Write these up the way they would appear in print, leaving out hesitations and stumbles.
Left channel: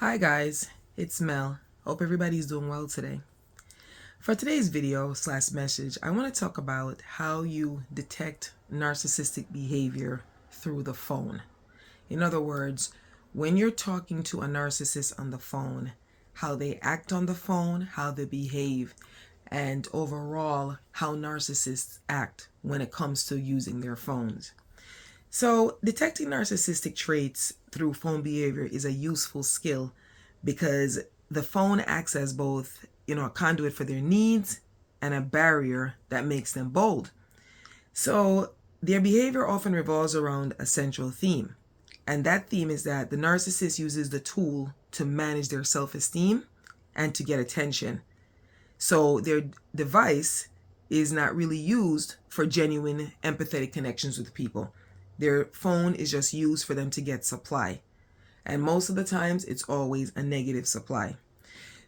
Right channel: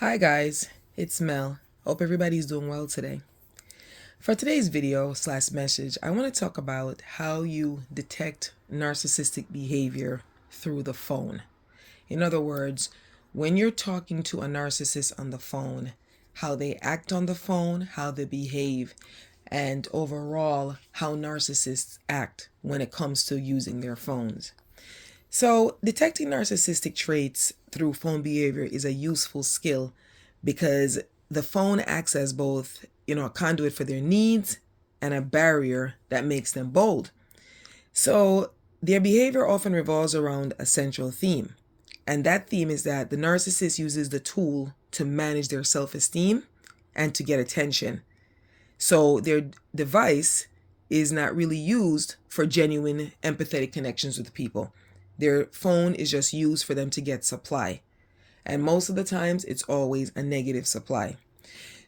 Hi guys, it's Mel. Hope everybody's doing well today. For today's video slash message, I want to talk about how you detect narcissistic behavior through the phone. In other words, when you're talking to a narcissist on the phone, how they act on the phone, how they behave, and overall how narcissists act when it comes to using their phones. So, detecting narcissistic traits through phone behavior is a useful skill because the phone acts as both, a conduit for their needs and a barrier that makes them bold. So, their behavior often revolves around a central theme. And that theme is that the narcissist uses the tool to manage their self esteem and to get attention. So, their device is not really used for genuine empathetic connections with people. Their phone is just used for them to get supply. And most of the times, it's always a negative supply.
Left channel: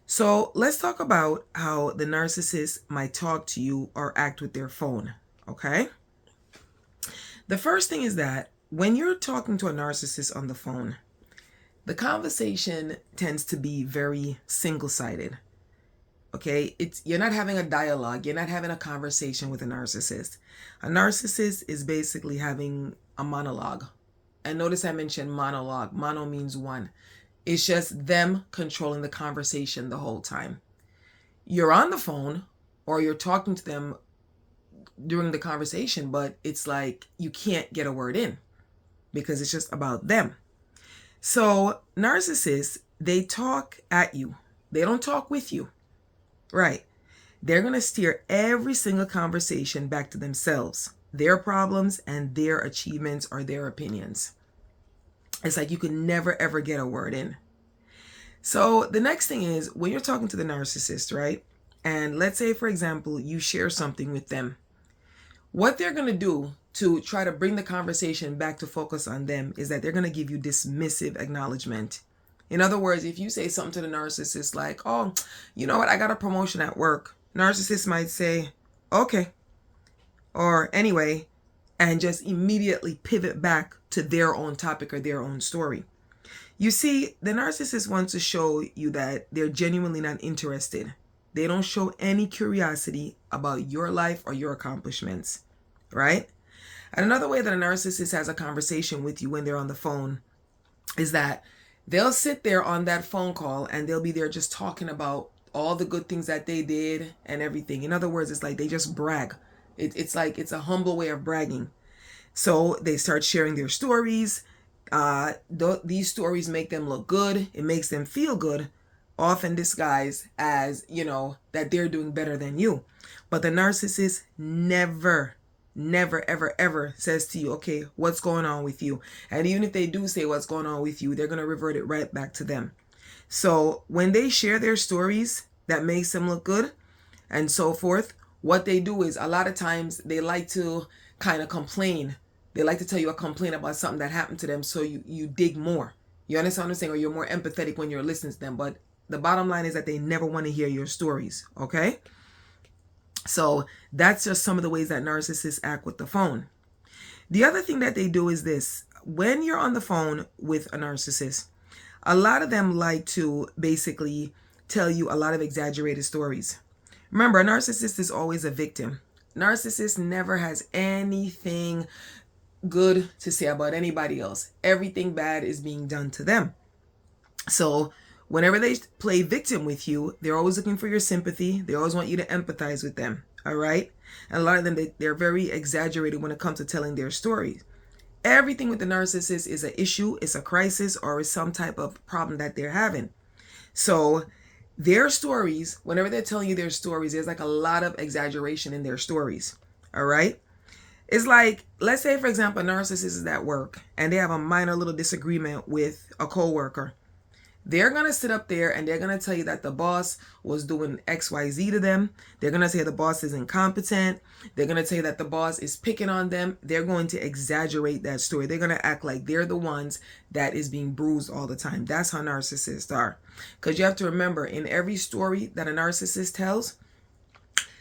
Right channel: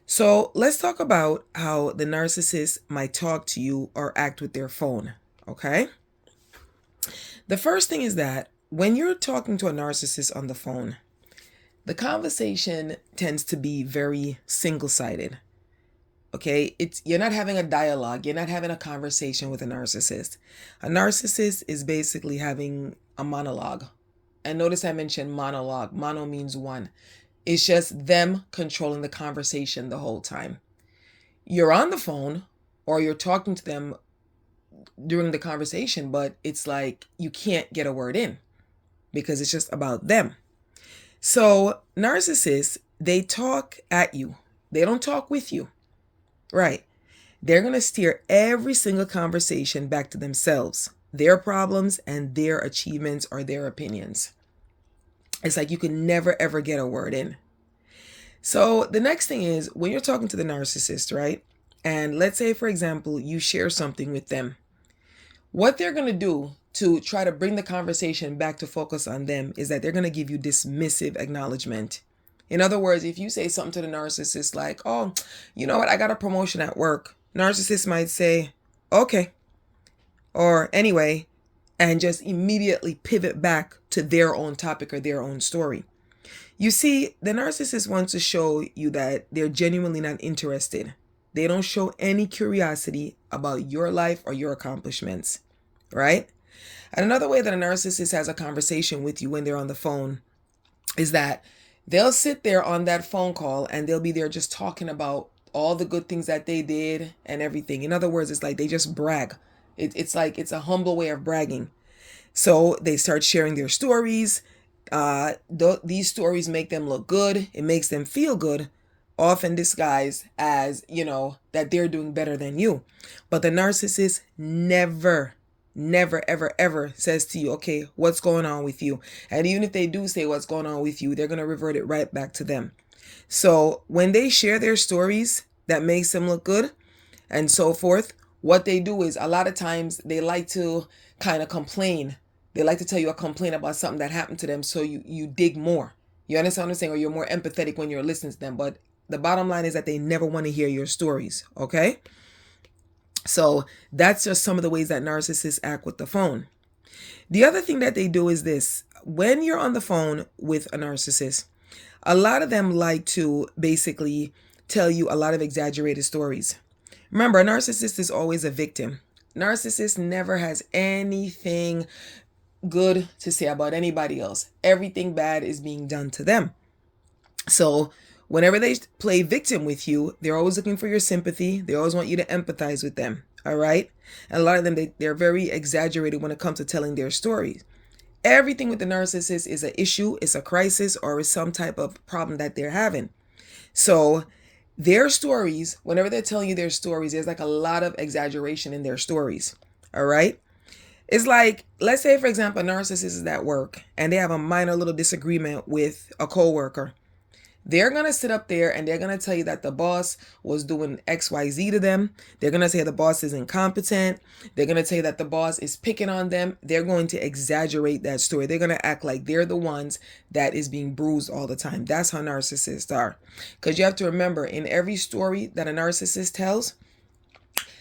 So let's talk about how the narcissist might talk to you or act with their phone. Okay? The first thing is that when you're talking to a narcissist on the phone, the conversation tends to be very single-sided. Okay, you're not having a dialogue, you're not having a conversation with a narcissist. A narcissist is basically having a monologue. And notice I mentioned monologue. Mono means one. It's just them controlling the conversation the whole time. You're on the phone or you're talking to them during the conversation, but it's like you can't get a word in because it's just about them. So narcissists, they talk at you. They don't talk with you. Right. They're going to steer every single conversation back to themselves, their problems and their achievements or their opinions. It's like you can never ever get a word in. So the next thing is when you're talking to the narcissist, right? And let's say, for example, you share something with them. What they're going to do to try to bring the conversation back to focus on them is that they're going to give you dismissive acknowledgement. In other words, if you say something to the narcissist like, oh, you know what, I got a promotion at work. Narcissist might say, okay, or anyway, and just immediately pivot back to their own topic or their own story. You see, the narcissist wants to show you that they're genuinely not interested. They don't show any curiosity about your life or your accomplishments, right? And another way that a narcissist has a conversation with you when they're on the phone is that they'll sit there on that phone call and they'll be there just talking about all the good things that they did and everything. In other words, it's like they just brag. It's like it's a humble way of bragging. So they start sharing their stories. These stories make them look good. It makes them feel good, often disguised as, that they're doing better than you. But the narcissist never, ever, ever says to you, okay, what's going on with you? And even if they do say what's going on with you, they're going to revert it right back to them. So when they share their stories that makes them look good and so forth, what they do is a lot of times they like to kind of complain. They like to tell you a complaint about something that happened to them, so you dig more. You understand what I'm saying? Or you're more empathetic when you're listening to them. But the bottom line is that they never want to hear your stories, okay? So that's just some of the ways that narcissists act with the phone. The other thing that they do is this. When you're on the phone with a narcissist, a lot of them like to basically tell you a lot of exaggerated stories. Remember, a narcissist is always a victim. Narcissist never has anything good to say about anybody else. Everything bad is being done to them. So whenever they play victim with you, they're always looking for your sympathy. They always want you to empathize with them. All right. And a lot of them, they're very exaggerated when it comes to telling their stories. Everything with the narcissist is an issue, it's a crisis, or it's some type of problem that they're having. So their stories, whenever they're telling you their stories, there's like a lot of exaggeration in their stories. All right. It's like, let's say, for example, a narcissist is at work and they have a minor little disagreement with a coworker. They're going to sit up there and they're going to tell you that the boss was doing XYZ to them. They're going to say the boss is incompetent. They're going to tell you that the boss is picking on them. They're going to exaggerate that story. They're going to act like they're the ones that is being bruised all the time. That's how narcissists are. Because you have to remember, in every story that a narcissist tells,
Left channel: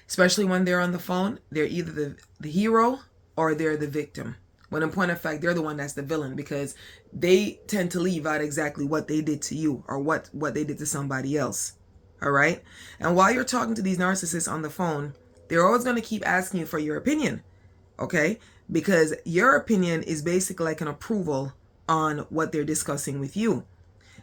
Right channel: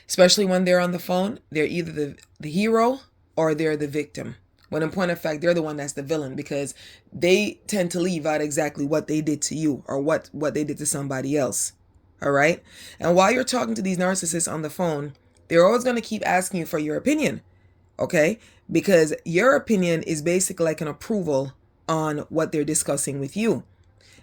especially when they're on the phone, they're either the hero or they're the victim. when in point of fact, they're the one that's the villain, because they tend to leave out exactly what they did to you or what they did to somebody else. All right. And while you're talking to these narcissists on the phone, they're always going to keep asking you for your opinion. Okay. Because your opinion is basically like an approval on what they're discussing with you.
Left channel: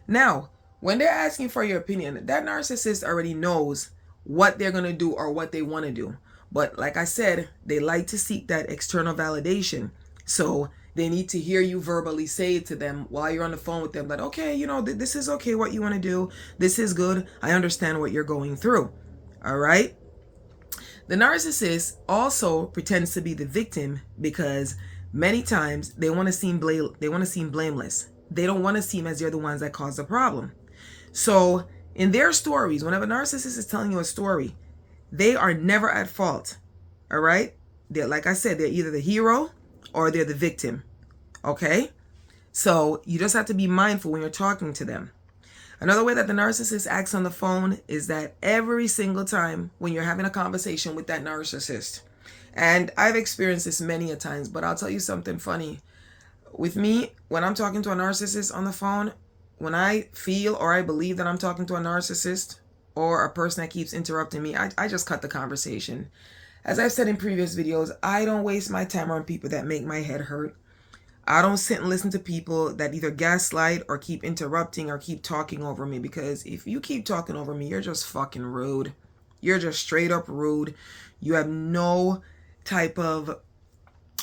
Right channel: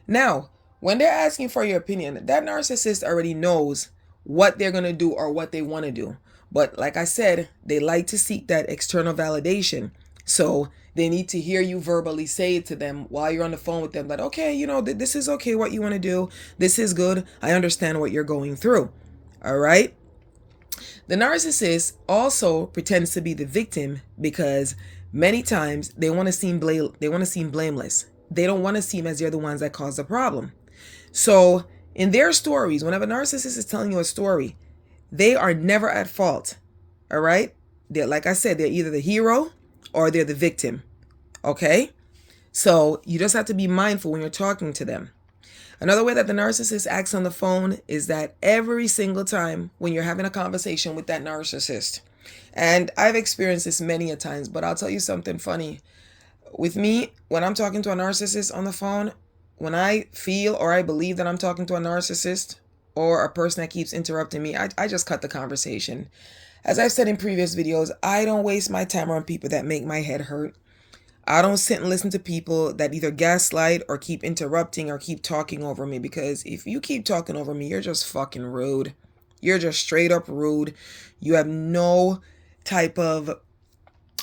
Now, when they're asking for your opinion, that narcissist already knows what they're going to do or what they want to do. But like I said, they like to seek that external validation. So they need to hear you verbally say it to them while you're on the phone with them that, okay, you know, this is okay what you want to do. This is good. I understand what you're going through. All right. The narcissist also pretends to be the victim because many times they want to seem blameless. They don't want to seem as they're the ones that caused the problem. So in their stories, whenever a narcissist is telling you a story, they are never at fault. All right. They're, like I said, they're either the hero or they're the victim. Okay. So you just have to be mindful when you're talking to them. Another way that the narcissist acts on the phone is that every single time when you're having a conversation with that narcissist, and I've experienced this many a times, but I'll tell you something funny. With me, when I'm talking to a narcissist on the phone, when I feel or I believe that I'm talking to a narcissist or a person that keeps interrupting me, I just cut the conversation. As I've said in previous videos, I don't waste my time on people that make my head hurt. I don't sit and listen to people that either gaslight or keep interrupting or keep talking over me, because if you keep talking over me, you're just fucking rude. You're just straight up rude. You have no type of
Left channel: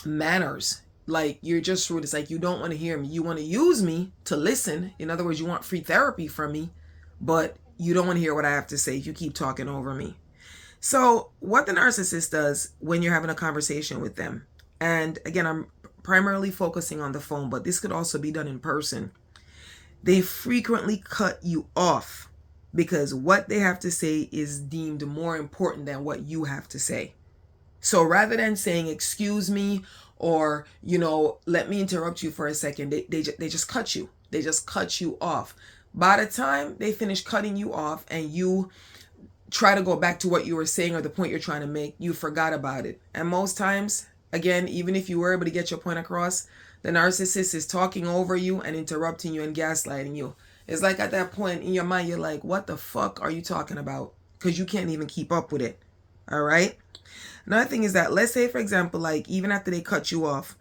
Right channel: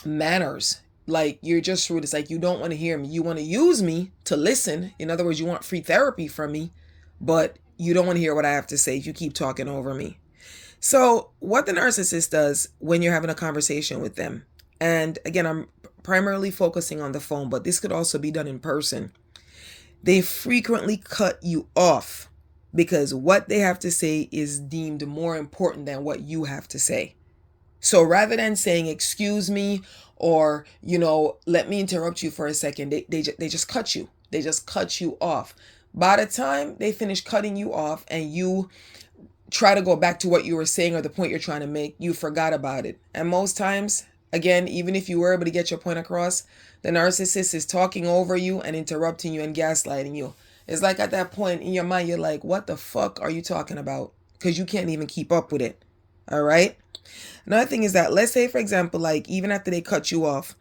manners. Like, you're just rude. It's like you don't want to hear me. You want to use me to listen. In other words, you want free therapy from me, but you don't want to hear what I have to say. You keep talking over me. So what the narcissist does when you're having a conversation with them, and again, I'm primarily focusing on the phone, but this could also be done in person. They frequently cut you off because what they have to say is deemed more important than what you have to say. So rather than saying, excuse me, or, you know, let me interrupt you for a second, they just cut you. They just cut you off. By the time they finish cutting you off and you try to go back to what you were saying or the point you're trying to make, you forgot about it. And most times, again, even if you were able to get your point across, the narcissist is talking over you and interrupting you and gaslighting you. It's like at that point in your mind, you're like, what the fuck are you talking about? Because you can't even keep up with it. All right. Another thing is that, let's say, for example, like even after they cut you off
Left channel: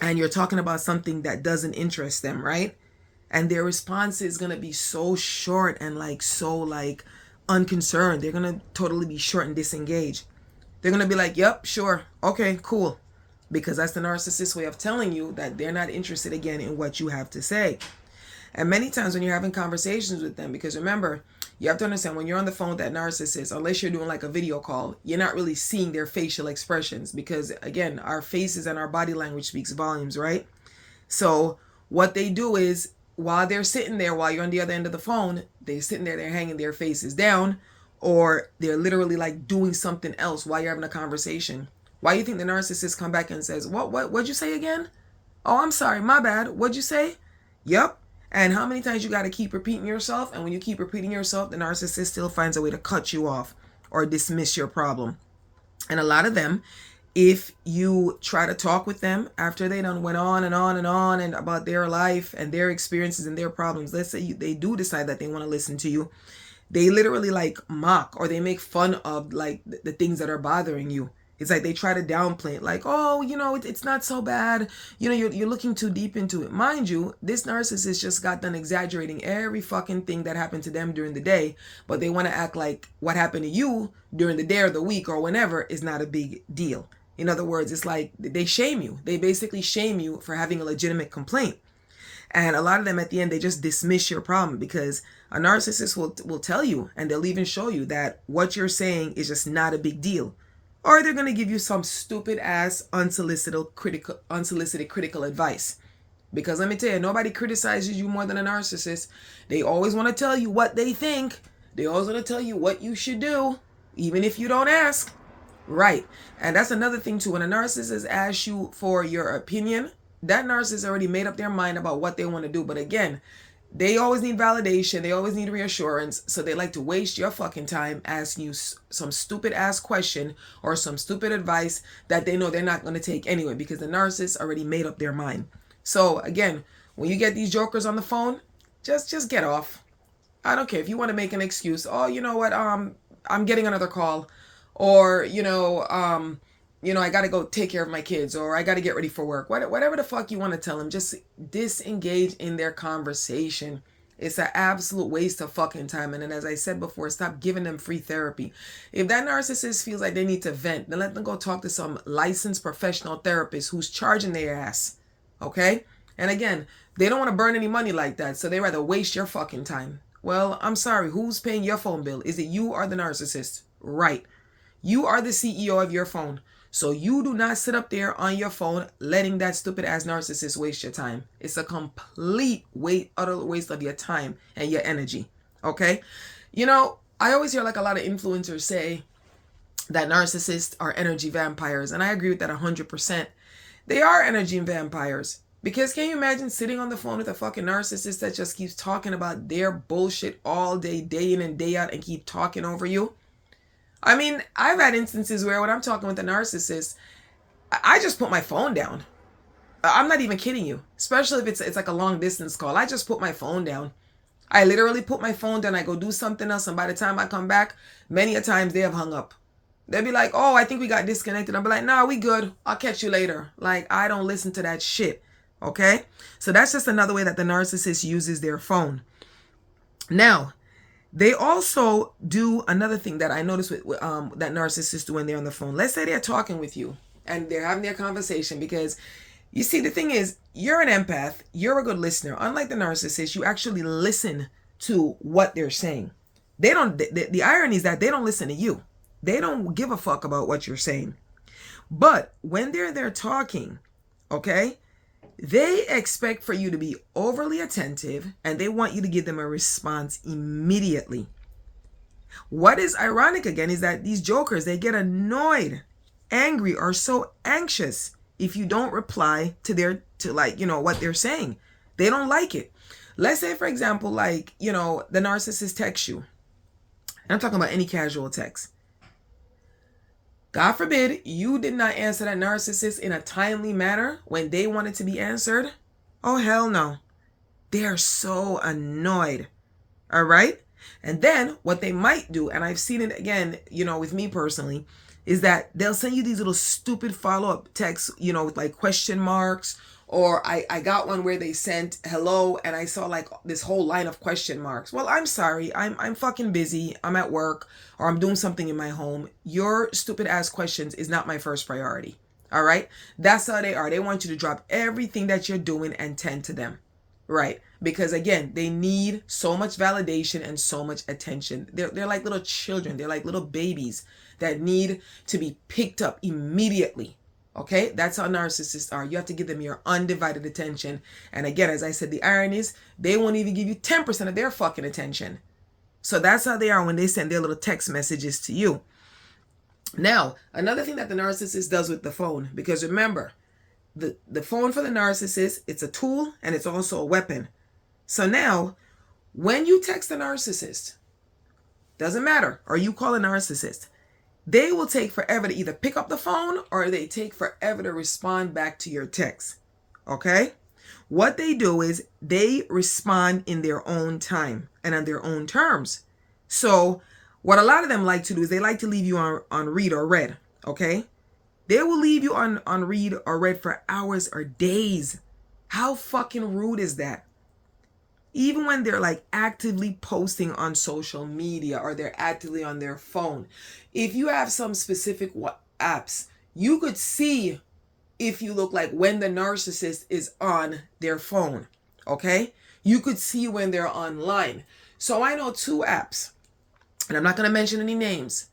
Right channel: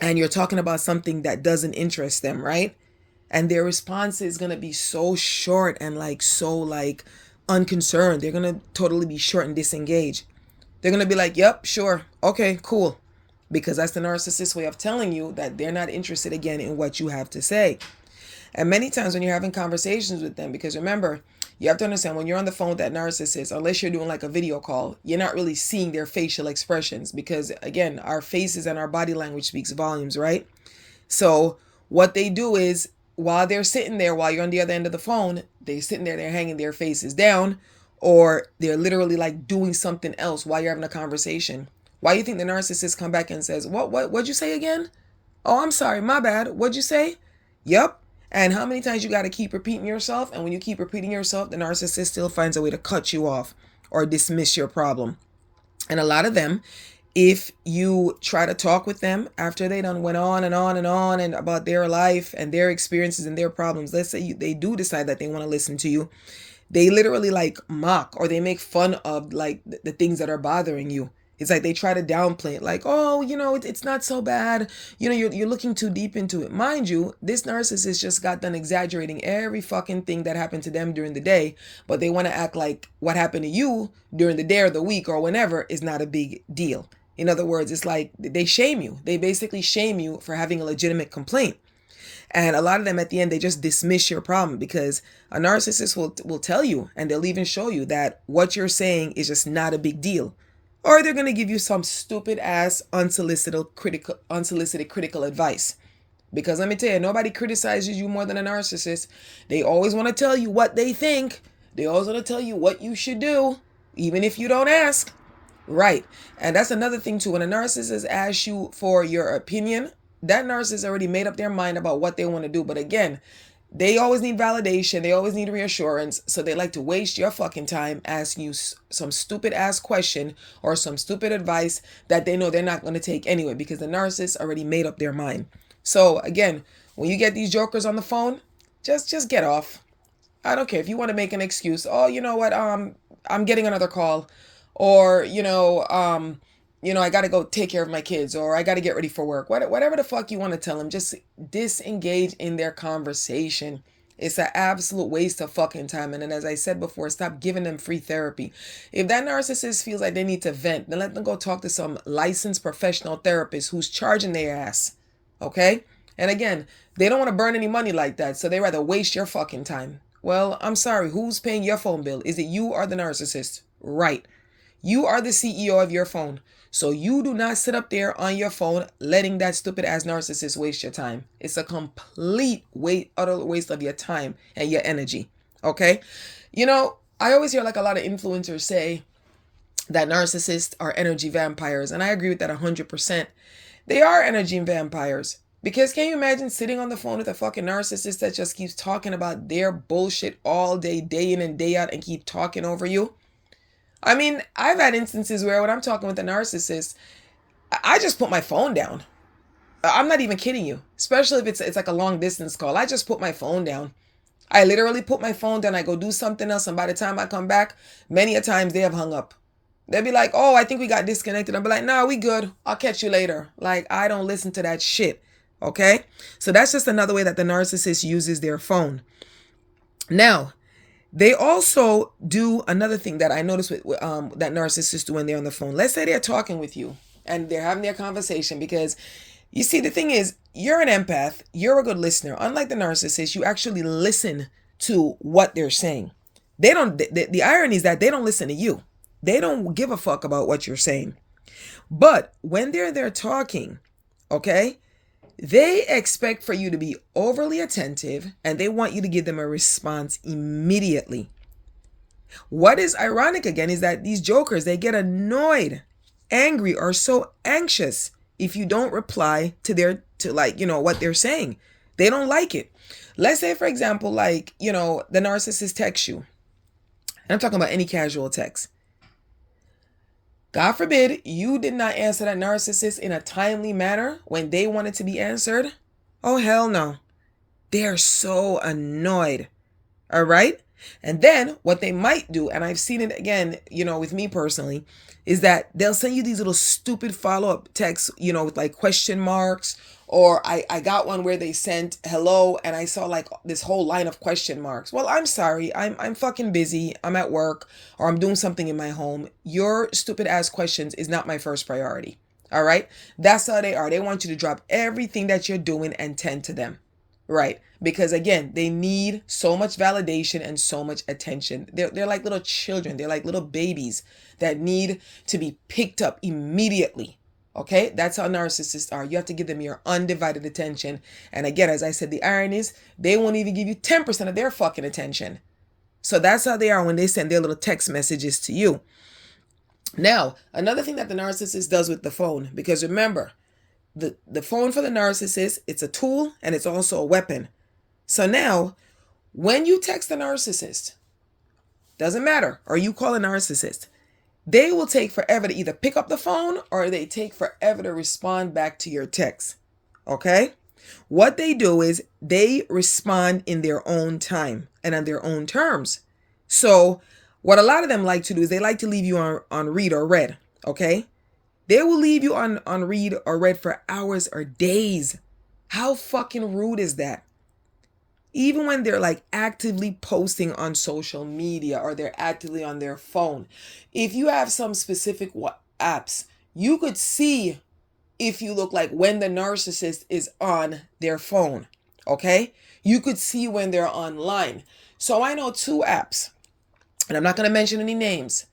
and you're talking about something that doesn't interest them, right? And their response is going to be so short and so unconcerned. They're going to totally be short and disengaged. They're going to be like, yep, sure. Okay, cool. Because that's the narcissist's way of telling you that they're not interested again in what you have to say. And many times when you're having conversations with them, because remember, you have to understand when you're on the phone with that narcissist, unless you're doing like a video call, you're not really seeing their facial expressions because, again, our faces and our body language speaks volumes, right? So what they do is while they're sitting there, while you're on the other end of the phone, they're sitting there, they're hanging their faces down, or they're literally like doing something else while you're having a conversation. Why do you think the narcissist come back and says, what'd you say again? Oh, I'm sorry, my bad. What'd you say? Yep. And how many times you got to keep repeating yourself? And when you keep repeating yourself, the narcissist still finds a way to cut you off or dismiss your problem. And a lot of them, if you try to talk with them after they done went on and on and on and about their life and their experiences and their problems, let's say they do decide that they want to listen to you, they literally like mock or they make fun of like the things that are bothering you. It's like they try to downplay it, like, oh, you know, it's not so bad. You know, you're looking too deep into it. Mind you, this narcissist just got done exaggerating every fucking thing that happened to them during the day, but they want to act like what happened to you during the day or the week or whenever is not a big deal. In other words, it's like they shame you. They basically shame you for having a legitimate complaint. And a lot of them at the end, they just dismiss your problem because a narcissist will tell you and they'll even show you that what you're saying is just not a big deal. Or they're going to give you some stupid ass unsolicited critical advice. Because let me tell you, nobody criticizes you more than a narcissist. They always want to tell you what they think. They always want to tell you what you should do, even if you don't ask. Right. And that's another thing too. When a narcissist asks you for your opinion, that narcissist already made up their mind about what they want to do. But again, They always need validation. They always need reassurance. So they like to waste your fucking time asking you some stupid ass question or some stupid advice that they know they're not going to take anyway, because the narcissist already made up their mind. So again, when you get these jokers on the phone, just get off. I don't care if you want to make an excuse. Oh, you know what? I'm getting another call, or I got to go take care of my kids, or I got to get ready for work. Whatever the fuck you want to tell them, just disengage in their conversation. It's an absolute waste of fucking time. And then, as I said before, stop giving them free therapy. If that narcissist feels like they need to vent, then let them go talk to some licensed professional therapist who's charging their ass. Okay? And again, they don't want to burn any money like that, so they rather waste your fucking time. Well, I'm sorry, who's paying your phone bill? Is it you or the narcissist? Right. You are the CEO of your phone. So you do not sit up there on your phone letting that stupid ass narcissist waste your time. It's a complete utter waste of your time and your energy. Okay? I always hear like a lot of influencers say that narcissists are energy vampires. And I agree with that 100%. They are energy vampires. Because can you imagine sitting on the phone with a fucking narcissist that just keeps talking about their bullshit all day, day in and day out, and keep talking over you? I mean, I've had instances where when I'm talking with a narcissist, I just put my phone down. I'm not even kidding you. Especially if it's like a long distance call. I just put my phone down. I literally put my phone down. I go do something else. And by the time I come back, many a times they have hung up. They'll be like, oh, I think we got disconnected. I'll be like, no, we good. I'll catch you later. Like, I don't listen to that shit. Okay? So that's just another way that the narcissist uses their phone. Now, they also do another thing that I noticed with that narcissists do when they're on the phone. Let's say they're talking with you and they're having their conversation, because you see, the thing is, you're an empath. You're a good listener. Unlike the narcissist, you actually listen to what they're saying. They don't. The irony is that they don't listen to you. They don't give a fuck about what you're saying. But when they're there talking, okay, they expect for you to be overly attentive and they want you to give them a response immediately. What is ironic again is that these jokers, they get annoyed, angry, or so anxious if you don't reply to what they're saying. They don't like it. Let's say, for example, the narcissist texts you. And I'm talking about any casual text. God forbid you did not answer that narcissist in a timely manner when they wanted to be answered. Oh, hell no. They're so annoyed. All right? And then what they might do, and I've seen it again, with me personally, is that they'll send you these little stupid follow-up texts, with like question marks. Or I got one where they sent hello and I saw like this whole line of question marks. Well, I'm sorry. I'm fucking busy. I'm at work or I'm doing something in my home. Your stupid ass questions is not my first priority. All right? That's how they are. They want you to drop everything that you're doing and tend to them. Right? Because again, they need so much validation and so much attention. They're like little children. They're like little babies that need to be picked up immediately. Okay, that's how narcissists are. You have to give them your undivided attention. And again, as I said, the irony is they won't even give you 10% of their fucking attention. So that's how they are when they send their little text messages to you. Now, another thing that the narcissist does with the phone, because remember, the phone for the narcissist, it's a tool and it's also a weapon. So now, when you text a narcissist, doesn't matter, or you call a narcissist, they will take forever to either pick up the phone or they take forever to respond back to your text. Okay? What they do is they respond in their own time and on their own terms. So what a lot of them like to do is they like to leave you on read or read. Okay? They will leave you on read or read for hours or days. How fucking rude is that? Even when they're like actively posting on social media or they're actively on their phone. If you have some specific apps, you could see if you look like when the narcissist is on their phone. Okay? You could see when they're online. So I know 2 apps, and I'm not going to mention any names.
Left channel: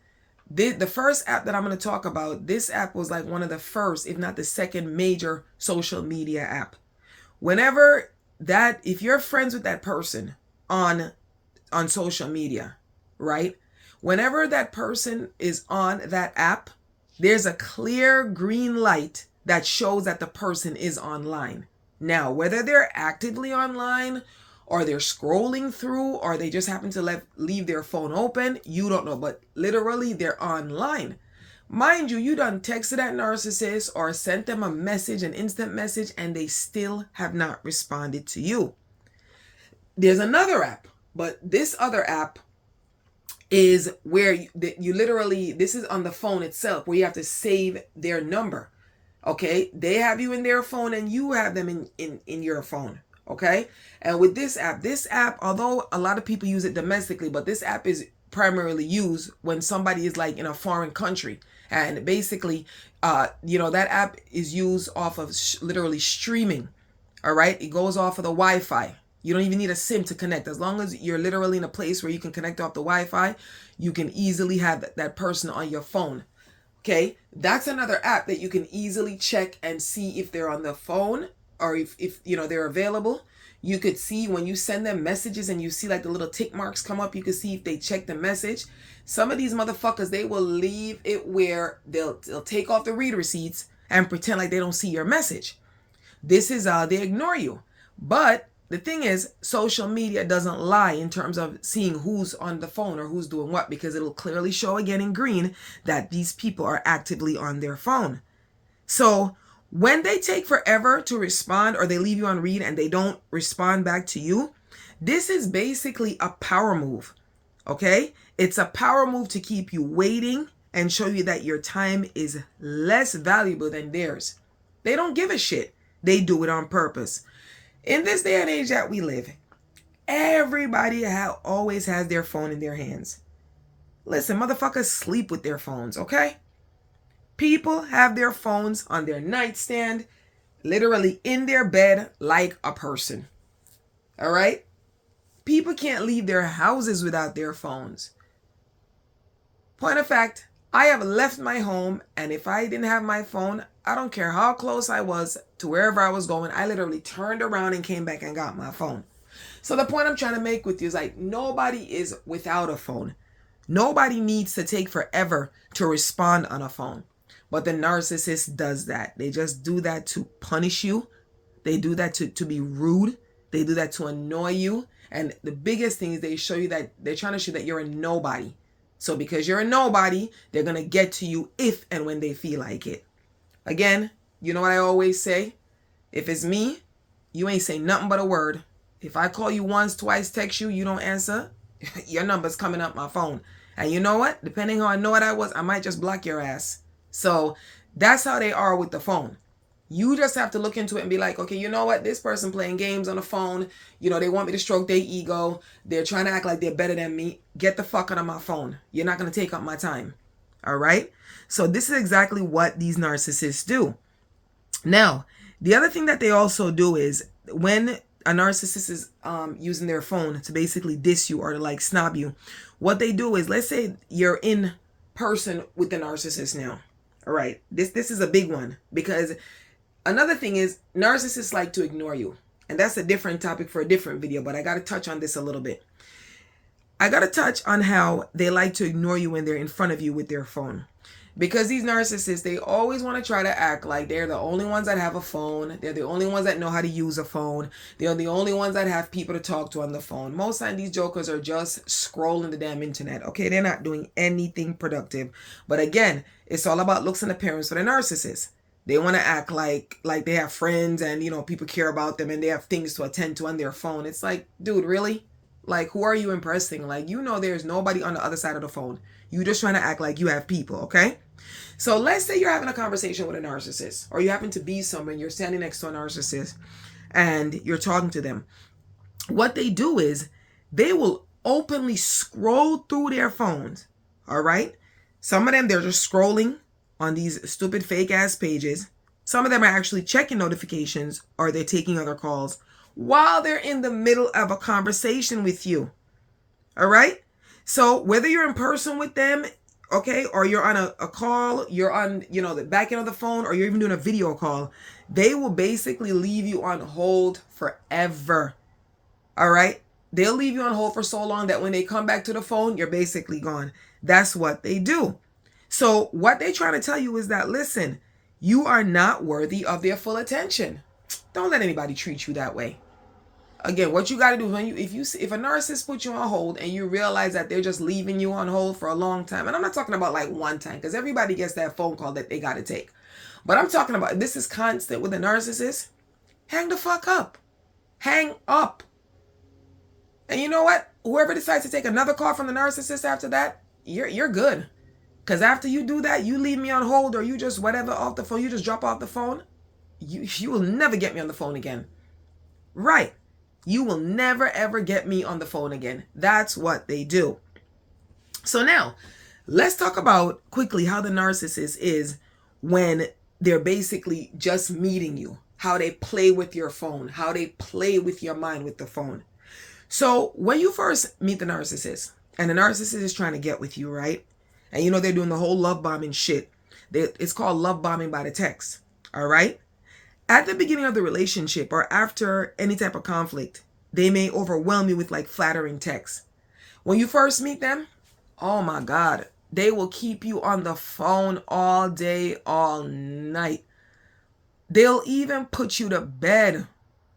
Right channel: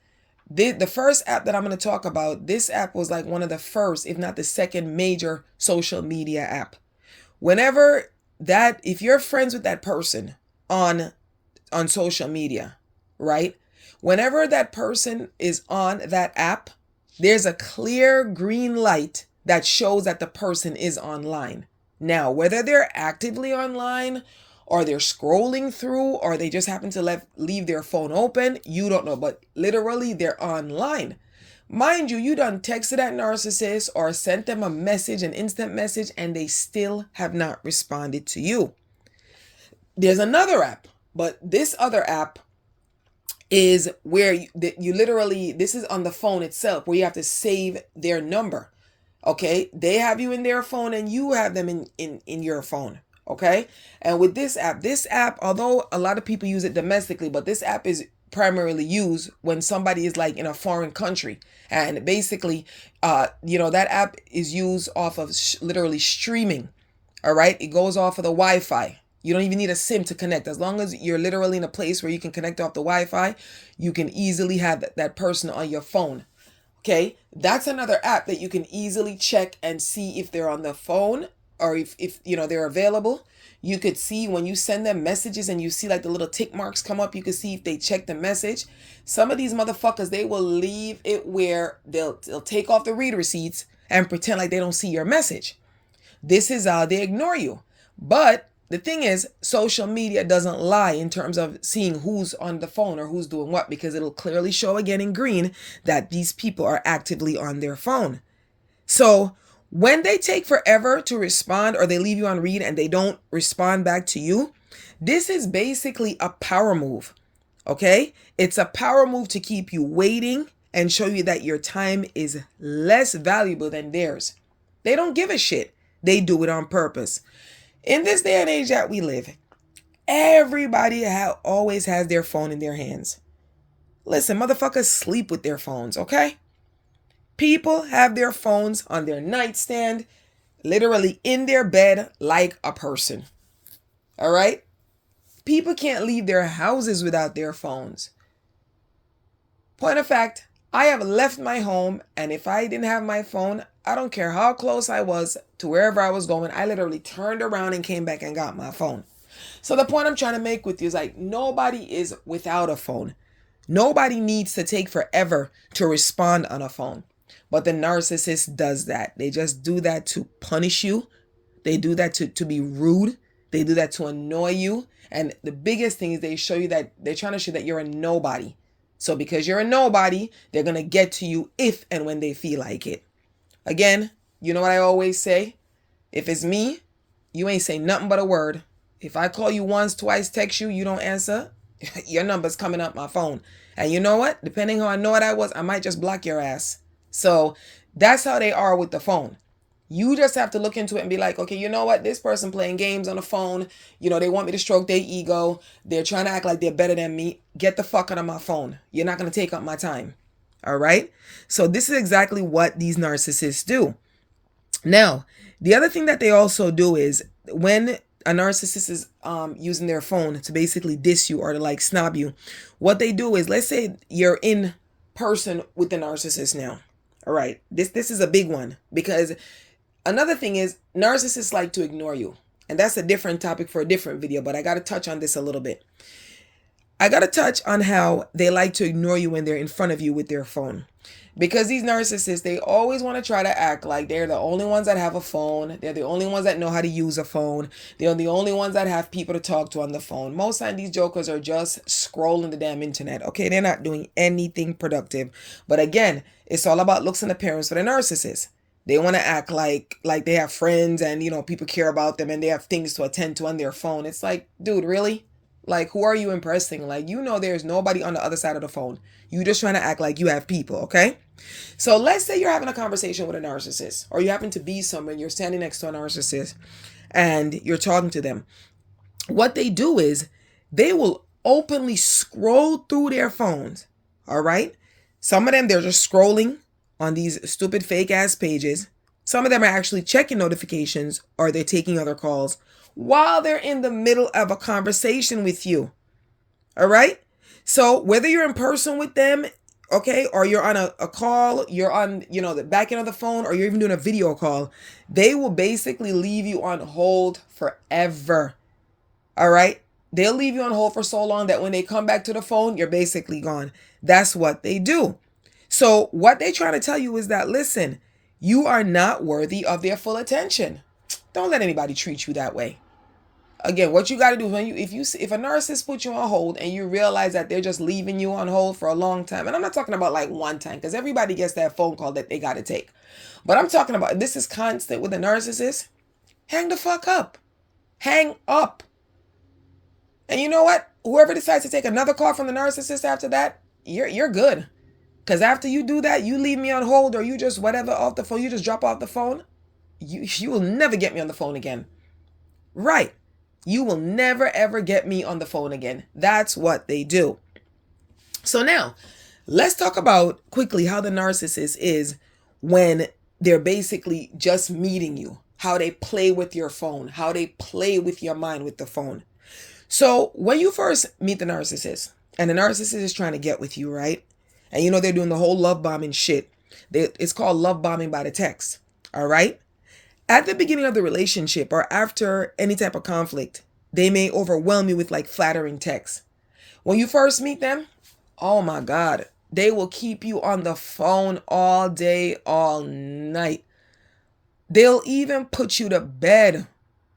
The first app that I'm going to talk about, this app was like one of the first, if not the second major social media app. If you're friends with that person on social media, right? Whenever that person is on that app, there's a clear green light that shows that the person is online. Now, whether they're actively online or they're scrolling through, or they just happen to leave their phone open. You don't know, but literally they're online. Mind you, you done texted that narcissist or sent them a message, an instant message, and they still have not responded to you. There's another app, but this other app is where you literally, this is on the phone itself, where you have to save their number. Okay, they have you in their phone and you have them in your phone. Okay, and with this app, although a lot of people use it domestically, but this app is primarily used when somebody is like in a foreign country. And basically, that app is used off of literally streaming. All right, it goes off of the Wi-Fi. You don't even need a SIM to connect. As long as you're literally in a place where you can connect off the Wi-Fi, you can easily have that person on your phone. Okay, that's another app that you can easily check and see if they're on the phone, or if they're available. You could see when you send them messages and you see like the little tick marks come up, you can see if they check the message. Some of these motherfuckers, they will leave it where they'll take off the read receipts and pretend like they don't see your message. This is how they ignore you. But the thing is, social media doesn't lie in terms of seeing who's on the phone or who's doing what, because it'll clearly show again in green that these people are actively on their phone. So when they take forever to respond, or they leave you on read and they don't respond back to you, this is basically a power move. Okay? It's a power move to keep you waiting and show you that your time is less valuable than theirs. They don't give a shit. They do it on purpose. In this day and age that we live, everybody always has their phone in their hands. Listen, motherfuckers sleep with their phones, okay? People have their phones on their nightstand, literally in their bed like a person. All right? People can't leave their houses without their phones. Point of fact, I have left my home, and if I didn't have my phone, I don't care how close I was to wherever I was going, I literally turned around and came back and got my phone. So the point I'm trying to make with you is like, nobody is without a phone. Nobody needs to take forever to respond on a phone. But the narcissist does that. They just do that to punish you. They do that to be rude. They do that to annoy you. And the biggest thing is they show you that they're trying to show that you're a nobody. So because you're a nobody, they're going to get to you if and when they feel like it. Again, you know what I always say? If it's me, you ain't say nothing but a word. If I call you once, twice, text you, you don't answer, your number's coming up my phone. And you know what? Depending how I know what I was, I might just block your ass. So that's how they are with the phone. You just have to look into it and be like, okay, you know what? This person playing games on the phone. They want me to stroke their ego. They're trying to act like they're better than me. Get the fuck out of my phone. You're not going to take up my time. All right? So this is exactly what these narcissists do. Now, the other thing that they also do is when a narcissist is using their phone to basically diss you or to like snob you, what they do is, let's say you're in person with the narcissist now. All right? This is a big one, because another thing is narcissists like to ignore you. And that's a different topic for a different video, but I got to touch on this a little bit. I got to touch on how they like to ignore you when they're in front of you with their phone. Because these narcissists, they always want to try to act like they're the only ones that have a phone. They're the only ones that know how to use a phone. They're the only ones that have people to talk to on the phone. Most of the time, these jokers are just scrolling the damn internet. Okay, they're not doing anything productive. But again, it's all about looks and appearance for the narcissist. They want to act like they have friends and, people care about them and they have things to attend to on their phone. It's like, dude, really? Like, who are you impressing? Like, there's nobody on the other side of the phone. You just trying to act like you have people, okay? So let's say you're having a conversation with a narcissist, or you happen to be somewhere and you're standing next to a narcissist and you're talking to them. What they do is they will openly scroll through their phones, all right? Some of them, they're just scrolling on these stupid fake ass pages. Some of them are actually checking notifications, or they're taking other calls while they're in the middle of a conversation with you. All right? So whether you're in person with them, okay, or you're on a call, you're on, the back end of the phone, or you're even doing a video call, they will basically leave you on hold forever. All right? They'll leave you on hold for so long that when they come back to the phone, you're basically gone. That's what they do. So what they try to tell you is that, listen, you are not worthy of their full attention. Don't let anybody treat you that way. Again, what you got to do is if a narcissist puts you on hold and you realize that they're just leaving you on hold for a long time, and I'm not talking about like one time, because everybody gets that phone call that they got to take, but I'm talking about this is constant with a narcissist. Hang the fuck up. Hang up. And you know what? Whoever decides to take another call from the narcissist after that, you're good. Because after you do that, you leave me on hold or you just whatever off the phone, you just drop off the phone, you will never get me on the phone again. Right. You will never ever get me on the phone again. That's what they do. So now, let's talk about quickly how the narcissist is when they're basically just meeting you. How they play with your phone. How they play with your mind with the phone. So when you first meet the narcissist, and the narcissist is trying to get with you, right? And you know they're doing the whole love bombing shit. It's called love bombing by the text. All right? At the beginning of the relationship or after any type of conflict, they may overwhelm you with like flattering texts. When you first meet them, oh my God, they will keep you on the phone all day, all night. They'll even put you to bed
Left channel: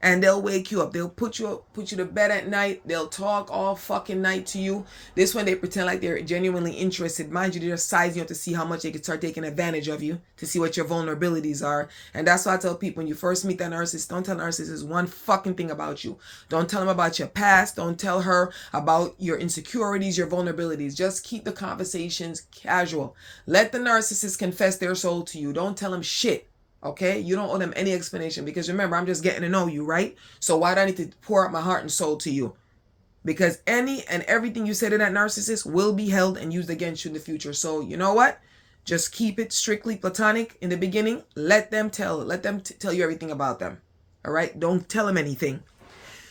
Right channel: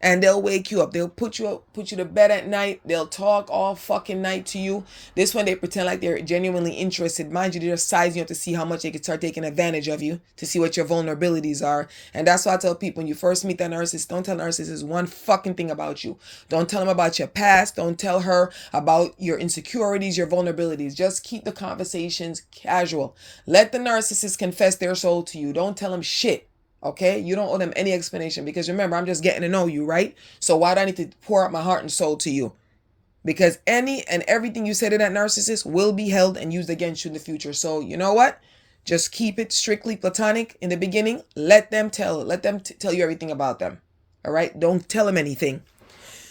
and they'll wake you up. They'll put you to bed at night. They'll talk all fucking night to you. This one, they pretend like they're genuinely interested. Mind you, they're sizing you up to see how much they can start taking advantage of you, to see what your vulnerabilities are. And that's why I tell people, when you first meet that narcissist, don't tell narcissists one fucking thing about you. Don't tell them about your past. Don't tell her about your insecurities, your vulnerabilities. Just keep the conversations casual. Let the narcissist confess their soul to you. Don't tell them shit. Okay, you don't owe them any explanation, because remember, I'm just getting to know you, right? So why do I need to pour out my heart and soul to you? Because any and everything you say to that narcissist will be held and used against you in the future. So you know what? Just keep it strictly platonic in the beginning. Let them tell you everything about them. All right? Don't tell them anything.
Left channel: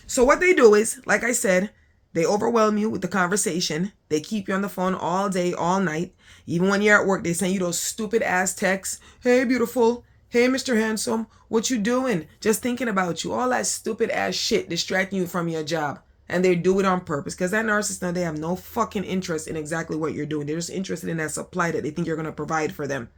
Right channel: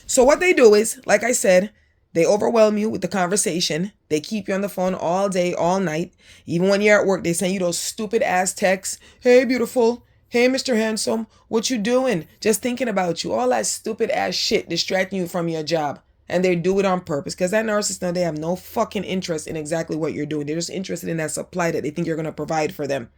So what they do is, like I said, they overwhelm you with the conversation. They keep you on the phone all day, all night. Even when you're at work, they send you those stupid ass texts. Hey, beautiful. Hey, Mr. Handsome, what you doing? Just thinking about you. All that stupid ass shit distracting you from your job. And they do it on purpose, because that narcissist, now they have no fucking interest in exactly what you're doing. They're just interested in that supply that they think you're going to provide for them.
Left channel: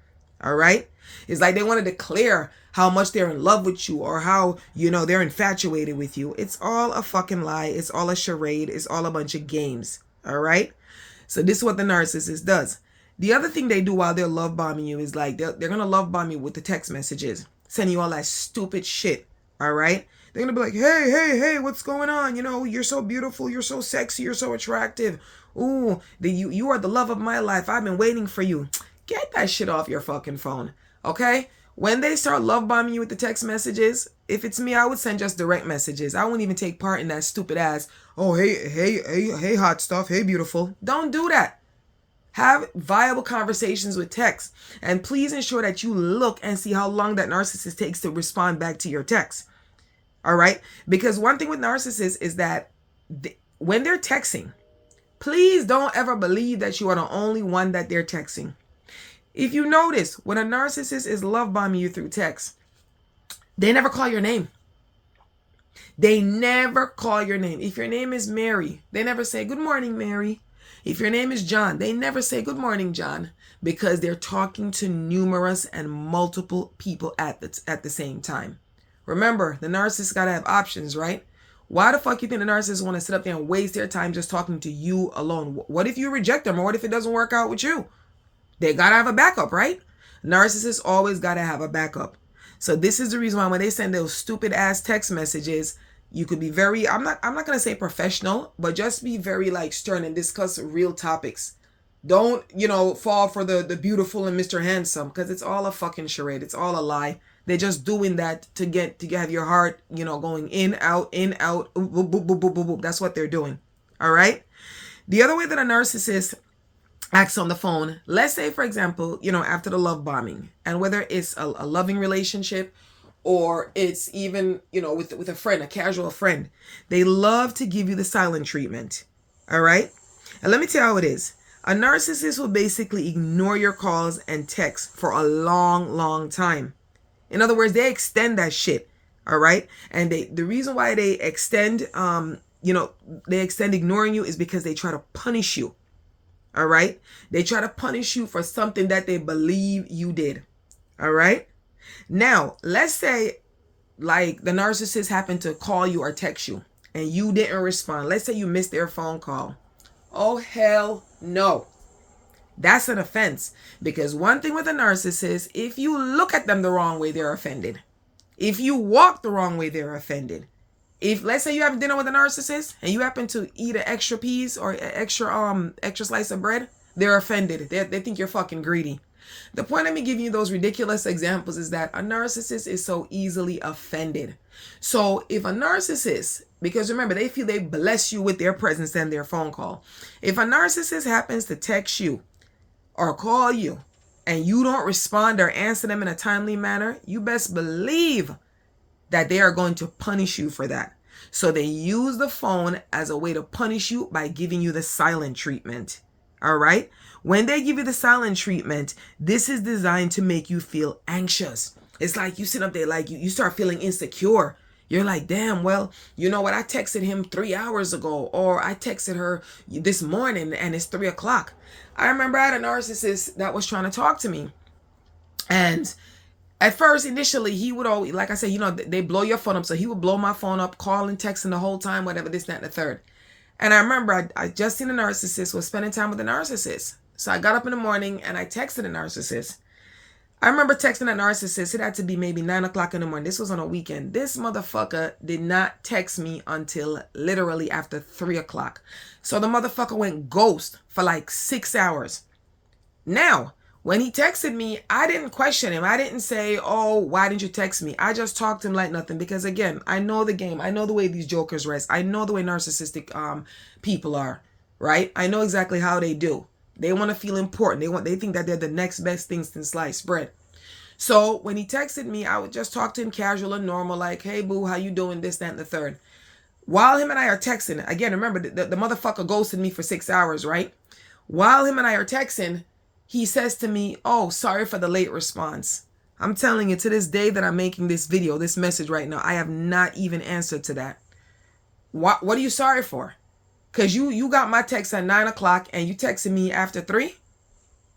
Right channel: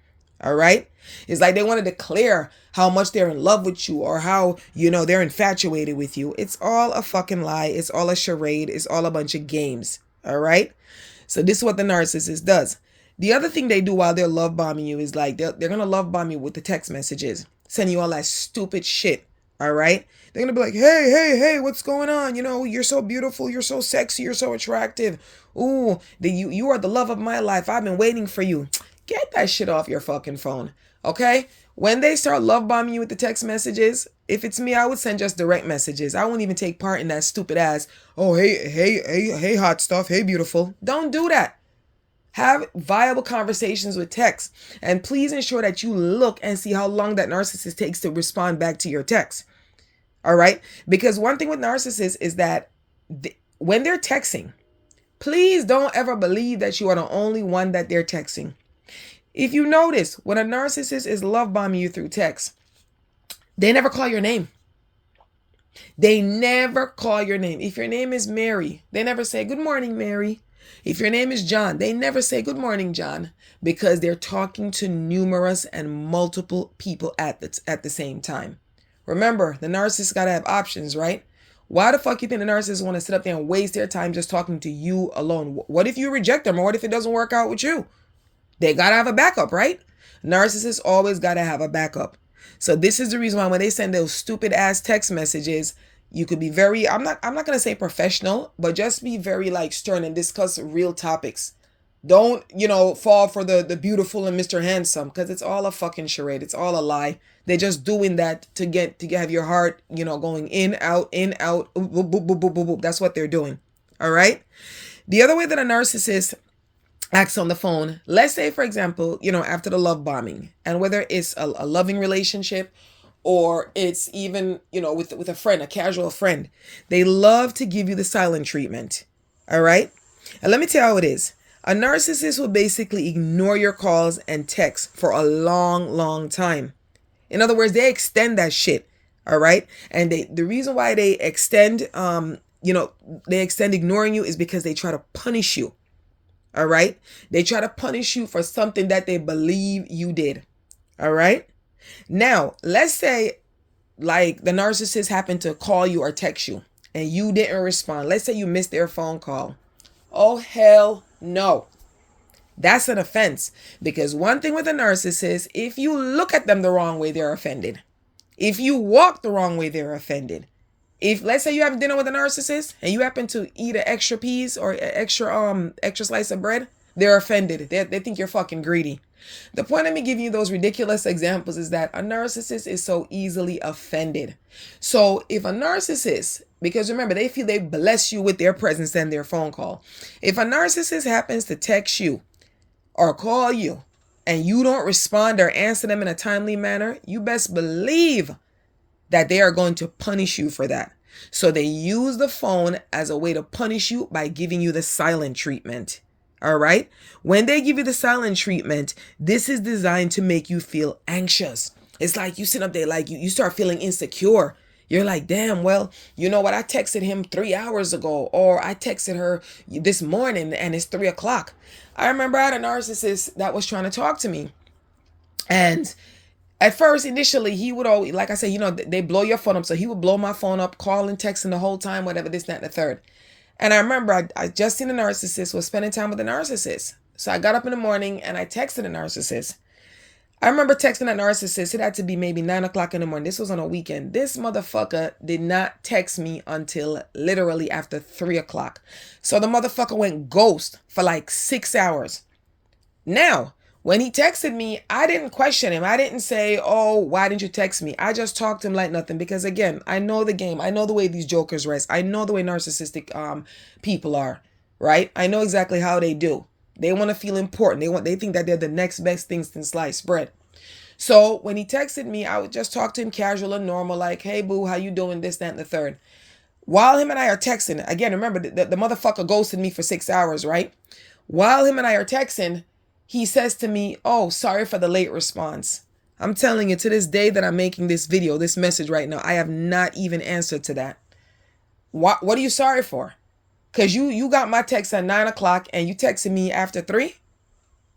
All right? It's like they want to declare how much they're in love with you or how, you know, they're infatuated with you. It's all a fucking lie. It's all a charade. It's all a bunch of games. All right? So this is what the narcissist does. The other thing they do while they're love bombing you is like they're going to love bomb you with the text messages, sending you all that stupid shit. All right. They're going to be like, hey, what's going on? You know, you're so beautiful. You're so sexy. You're so attractive. Ooh, you are the love of my life. I've been waiting for you. Get that shit off your fucking phone. Okay. When they start love bombing you with the text messages, if it's me, I would send just direct messages. I wouldn't even take part in that stupid ass. Oh, hey, hot stuff. Hey, beautiful. Don't do that. Have viable conversations with text. And please ensure that you look and see how long that narcissist takes to respond back to your text. All right? Because one thing with narcissists is that when they're texting, please don't ever believe that you are the only one that they're texting. If you notice, when a narcissist is love bombing you through text, they never call your name. They never call your name. If your name is Mary, they never say, good morning, Mary. If your name is John, they never say, good morning, John, because they're talking to numerous and multiple people at the same time. Remember, the narcissist got to have options, right? Why the fuck you think the narcissist want to sit up there and waste their time just talking to you alone? What if you reject them, or what if it doesn't work out with you? They got to have a backup, right? Narcissists always got to have a backup. So this is the reason why when they send those stupid ass text messages, you could be very, I'm not going to say professional, but just be very like stern and discuss real topics. Don't, fall for the beautiful and Mr. Handsome, because it's all a fucking charade. It's all a lie. They're just doing that to have your heart, going in, out, boop, boop, boop, boop, boop, boop. That's what they're doing. All right. The other way that a narcissist acts on the phone, let's say, for example, after the love bombing, and whether it's a loving relationship or it's even, with a friend, a casual friend, they love to give you the silent treatment. All right. And let me tell you how it is. A narcissist will basically ignore your calls and texts for a long, long time. In other words, they extend that shit. All right. And the reason why they extend, they extend ignoring you is because they try to punish you. All right. They try to punish you for something that they believe you did. All right. Now, let's say like the narcissist happened to call you or text you and you didn't respond. Let's say you missed their phone call. Oh, hell no. That's an offense. Because one thing with a narcissist, if you look at them the wrong way, they're offended. If you walk the wrong way, they're offended. If let's say you have dinner with a narcissist and you happen to eat an extra piece or an extra slice of bread, they're offended. They think you're fucking greedy. The point of me giving you those ridiculous examples is that a narcissist is so easily offended. So if a narcissist, because remember, they feel they bless you with their presence and their phone call. If a narcissist happens to text you or call you and you don't respond or answer them in a timely manner, you best believe that they are going to punish you for that. So they use the phone as a way to punish you by giving you the silent treatment. All right? When they give you the silent treatment, this is designed to make you feel anxious. It's like you sit up there, like you start feeling insecure. You're like, damn, well, you know what? I texted him 3 hours ago, or I texted her this morning and it's 3 o'clock. I remember I had a narcissist that was trying to talk to me. And at first, initially, he would always, like I said, they blow your phone up. So he would blow my phone up, calling, texting the whole time, whatever, this, that, and the third. And I remember I just seen a narcissist, was spending time with a narcissist. So I got up in the morning and I texted a narcissist. I remember texting that narcissist. It had to be maybe 9 o'clock in the morning. This was on a weekend. This motherfucker did not text me until literally after 3 o'clock. So the motherfucker went ghost for like 6 hours. Now, when he texted me, I didn't question him. I didn't say, oh, why didn't you text me? I just talked to him like nothing because, again, I know the game. I know the way these jokers rest. I know the way narcissistic people are, right? I know exactly how they do. They want to feel important. They think that they're the next best thing since sliced bread. So when he texted me, I would just talk to him casual and normal, like, hey, boo, how you doing? This, that, and the third. While him and I are texting, again, remember, the motherfucker ghosted me for 6 hours, right? While him and I are texting, he says to me, oh, sorry for the late response. I'm telling you, to this day that I'm making this video, this message right now, I have not even answered to that. What are you sorry for? Because you got my text at 9 o'clock and you texted me after 3?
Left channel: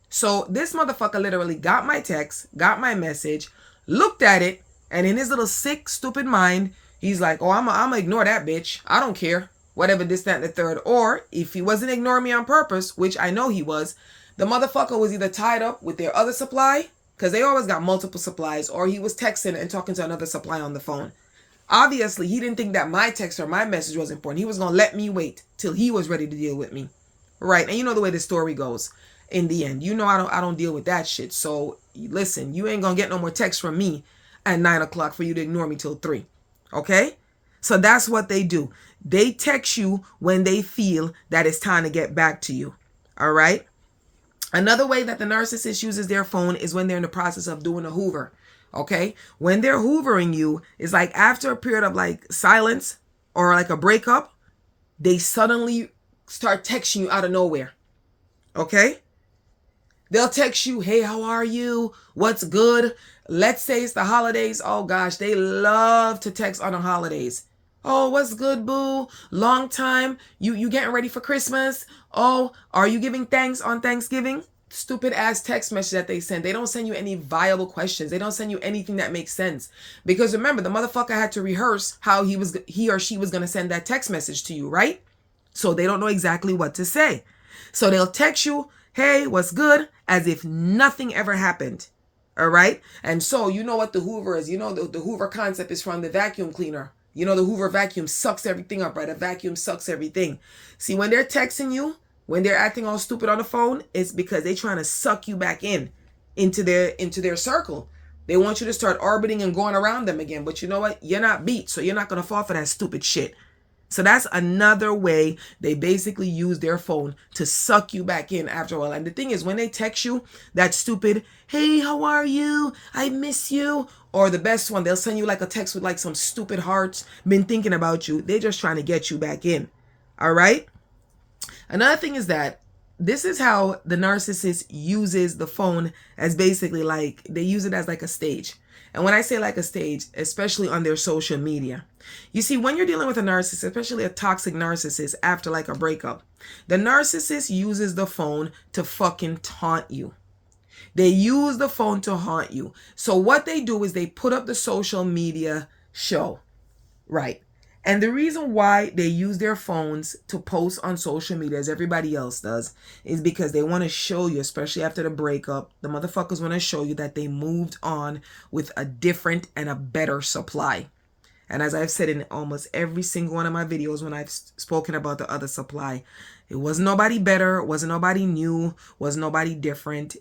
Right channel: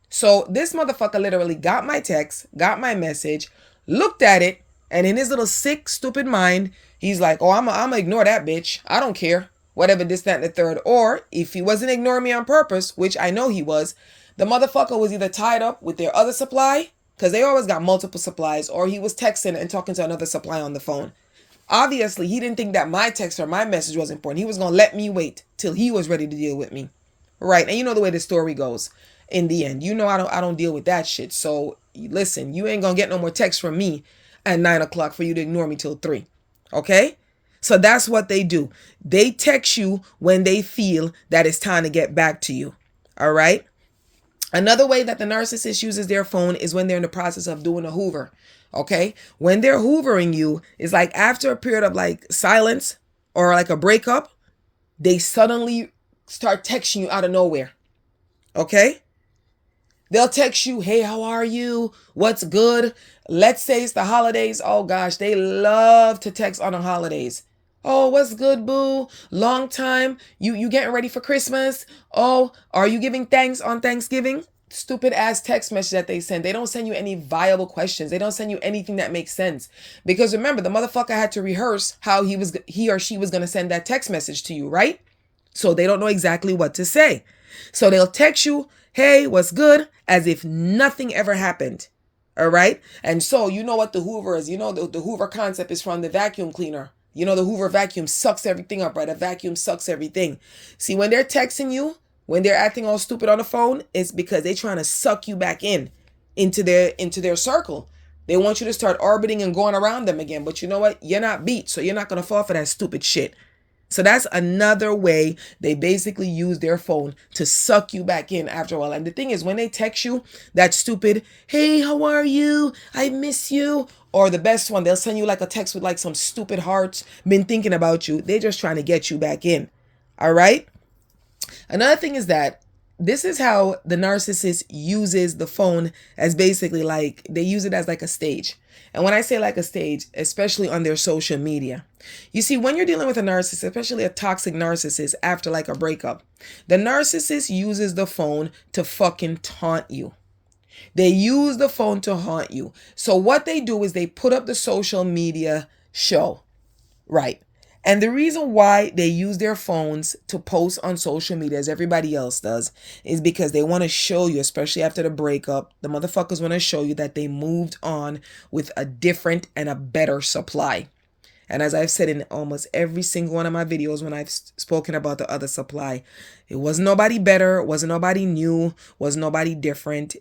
So this motherfucker literally got my text, got my message, looked at it, and in his little sick, stupid mind, he's like, oh, I'm going to ignore that bitch. I don't care. Whatever, this, that, and the third. Or if he wasn't ignoring me on purpose, which I know he was, the motherfucker was either tied up with their other supply, because they always got multiple supplies, or he was texting and talking to another supply on the phone. Obviously, he didn't think that my text or my message was important. He was going to let me wait till he was ready to deal with me. Right. And you know the way the story goes in the end. You know I don't deal with that shit. So listen, you ain't going to get no more text from me at 9 o'clock for you to ignore me till 3. Okay? So that's what they do. They text you when they feel that it's time to get back to you. All right? Another way that the narcissist uses their phone is when they're in the process of doing a hoover. Okay? When they're hoovering you, it's like after a period of like silence or like a breakup, they suddenly start texting you out of nowhere. Okay? They'll text you, hey, how are you? What's good? Let's say it's the holidays. Oh gosh, they love to text on the holidays. Oh, what's good, boo? Long time. You getting ready for Christmas? Oh, are you giving thanks on Thanksgiving? Stupid ass text message that they send. They don't send you any viable questions. They don't send you anything that makes sense. Because remember, the motherfucker had to rehearse how he or she was going to send that text message to you, right? So they don't know exactly what to say. So they'll text you, hey, what's good? As if nothing ever happened. All right? And so you know what the Hoover is. You know the Hoover concept is from the vacuum cleaner. You know the Hoover vacuum sucks everything up, right? A vacuum sucks everything. See, when they're texting you, when they're acting all stupid on the phone, it's because they're trying to suck you back into their circle. They want you to start orbiting and going around them again. But you know what? You're not beat, so you're not going to fall for that stupid shit. So that's another way they basically use their phone to suck you back in after a while. And the thing is, when they text you that stupid, hey, how are you? I miss you. Or the best one, they'll send you like a text with like some stupid hearts, been thinking about you. They're just trying to get you back in. All right. Another thing is that this is how the narcissist uses the phone, as basically like they use it as like a stage. And when I say like a stage, especially on their social media, you see, when you're dealing with a narcissist, especially a toxic narcissist after like a breakup, the narcissist uses the phone to fucking taunt you. They use the phone to haunt you. So what they do is they put up the social media show, right? And the reason why they use their phones to post on social media as everybody else does is because they want to show you, especially after the breakup, the motherfuckers want to show you that they moved on with a different and a better supply. And as I've said in almost every single one of my videos when I've spoken about the other supply, it wasn't nobody better, wasn't nobody new, wasn't nobody different.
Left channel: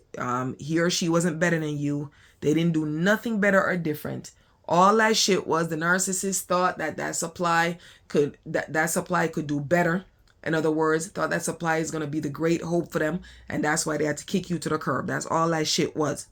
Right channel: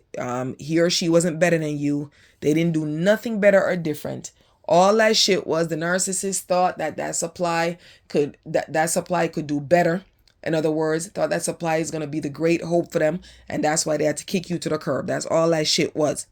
He or she wasn't better than you. They didn't do nothing better or different. All that shit was the narcissist thought that supply could that supply could do better. In other words, thought that supply is going to be the great hope for them, and that's why they had to kick you to the curb. That's all that shit was.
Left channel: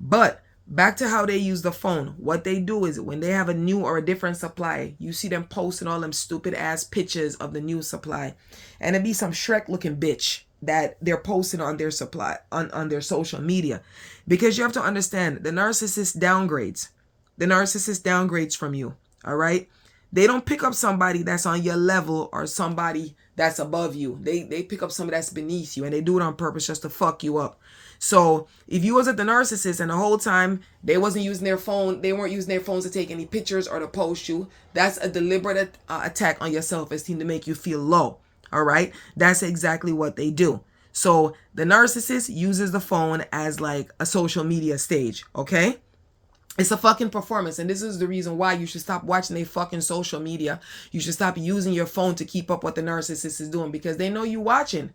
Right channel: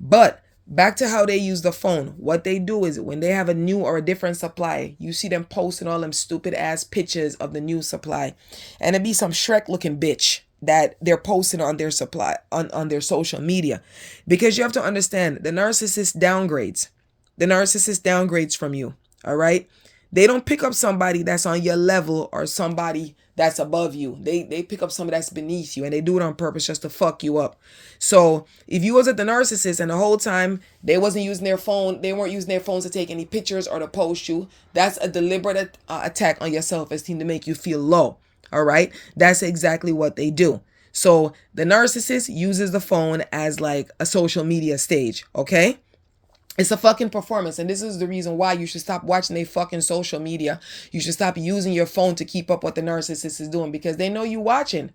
But back to how they use the phone. What they do is when they have a new or a different supply, you see them posting all them stupid ass pictures of the new supply. And it be some Shrek looking bitch that they're posting on their supply, on their social media. Because you have to understand, the narcissist downgrades. The narcissist downgrades from you. All right? They don't pick up somebody that's on your level or somebody that's above you. They pick up somebody that's beneath you, and they do it on purpose just to fuck you up. So if you wasn't the narcissist and the whole time they wasn't using their phone, they weren't using their phones to take any pictures or to post you, that's a deliberate attack on your self-esteem to make you feel low. All right? That's exactly what they do. So the narcissist uses the phone as like a social media stage. Okay? It's a fucking performance, and this is the reason why you should stop watching their fucking social media. You should stop using your phone to keep up what the narcissist is doing, because they know you watching.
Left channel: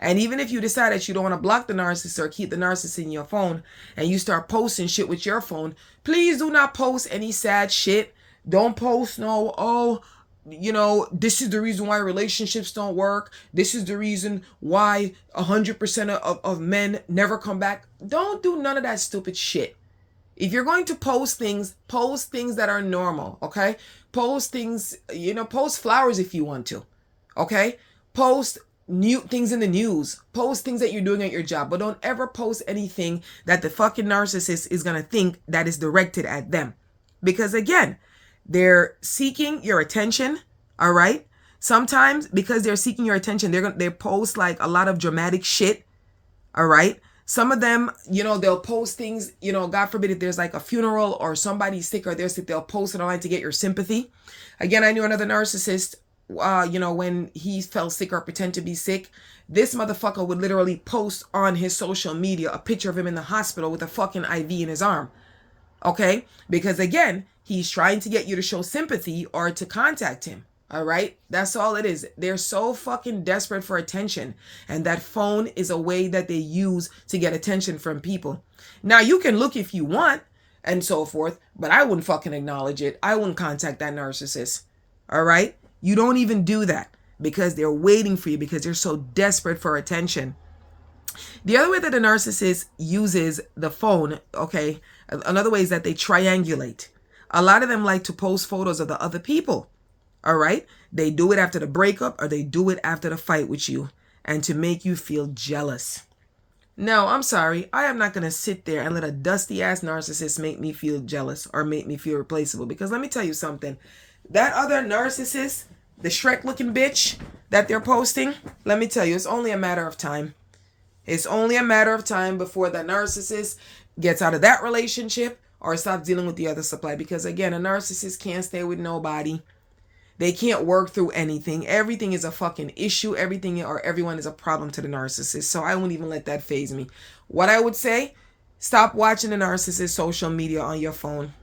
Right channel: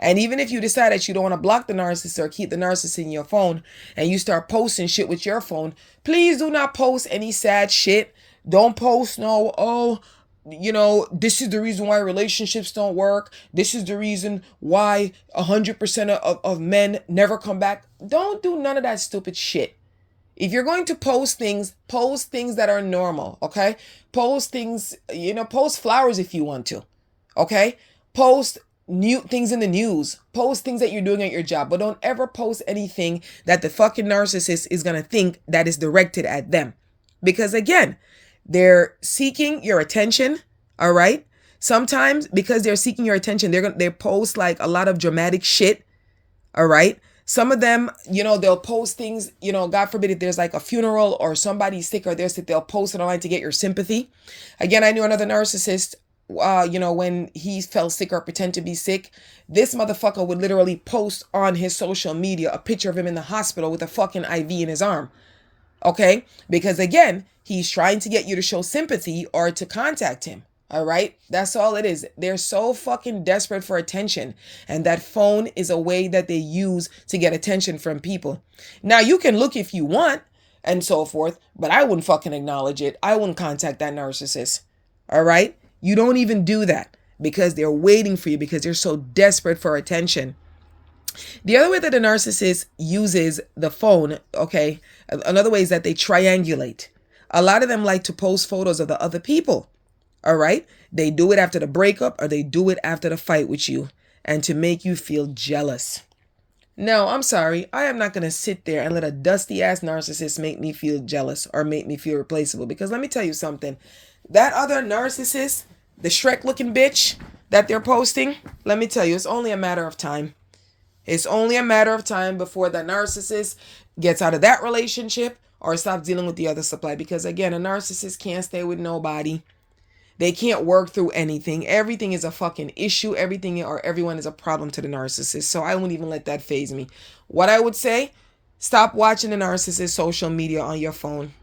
And even if you decide that you don't want to block the narcissist or keep the narcissist in your phone, and you start posting shit with your phone, please do not post any sad shit. Don't post this is the reason why relationships don't work. This is the reason why 100% of men never come back. Don't do none of that stupid shit. If you're going to post things that are normal, okay? Post things, post flowers if you want to, okay? Post new things in the news. Post things that you're doing at your job, but don't ever post anything that the fucking narcissist is going to think that is directed at them. Because again, they're seeking your attention, all right? Sometimes because they're seeking your attention, they post like a lot of dramatic shit, all right? Some of them, they'll post things, God forbid if there's like a funeral or somebody's sick or they're sick, they'll post it online to get your sympathy. Again, I knew another narcissist, when he fell sick or pretend to be sick, this motherfucker would literally post on his social media a picture of him in the hospital with a fucking IV in his arm. Okay? Because again, he's trying to get you to show sympathy or to contact him. All right? That's all it is. They're so fucking desperate for attention. And that phone is a way that they use to get attention from people. Now, you can look if you want and so forth, but I wouldn't fucking acknowledge it. I wouldn't contact that narcissist. All right? You don't even do that because they're waiting for you, because they're so desperate for attention. The other way that the narcissist uses the phone, okay, another way is that they triangulate. A lot of them like to post photos of the other people. All right? They do it after the breakup or they do it after the fight with you, and to make you feel jealous. No, I'm sorry. I am not going to sit there and let a dusty ass narcissist make me feel jealous or make me feel replaceable. Because let me tell you something. That other narcissist, the Shrek looking bitch that they're posting, let me tell you, it's only a matter of time. It's only a matter of time before the narcissist gets out of that relationship or stops dealing with the other supply. Because again, a narcissist can't stay with nobody. They can't work through anything. Everything is a fucking issue. Everything or everyone is a problem to the narcissist. So I wouldn't even let that faze me. What I would say, stop watching the narcissist social media on your phone.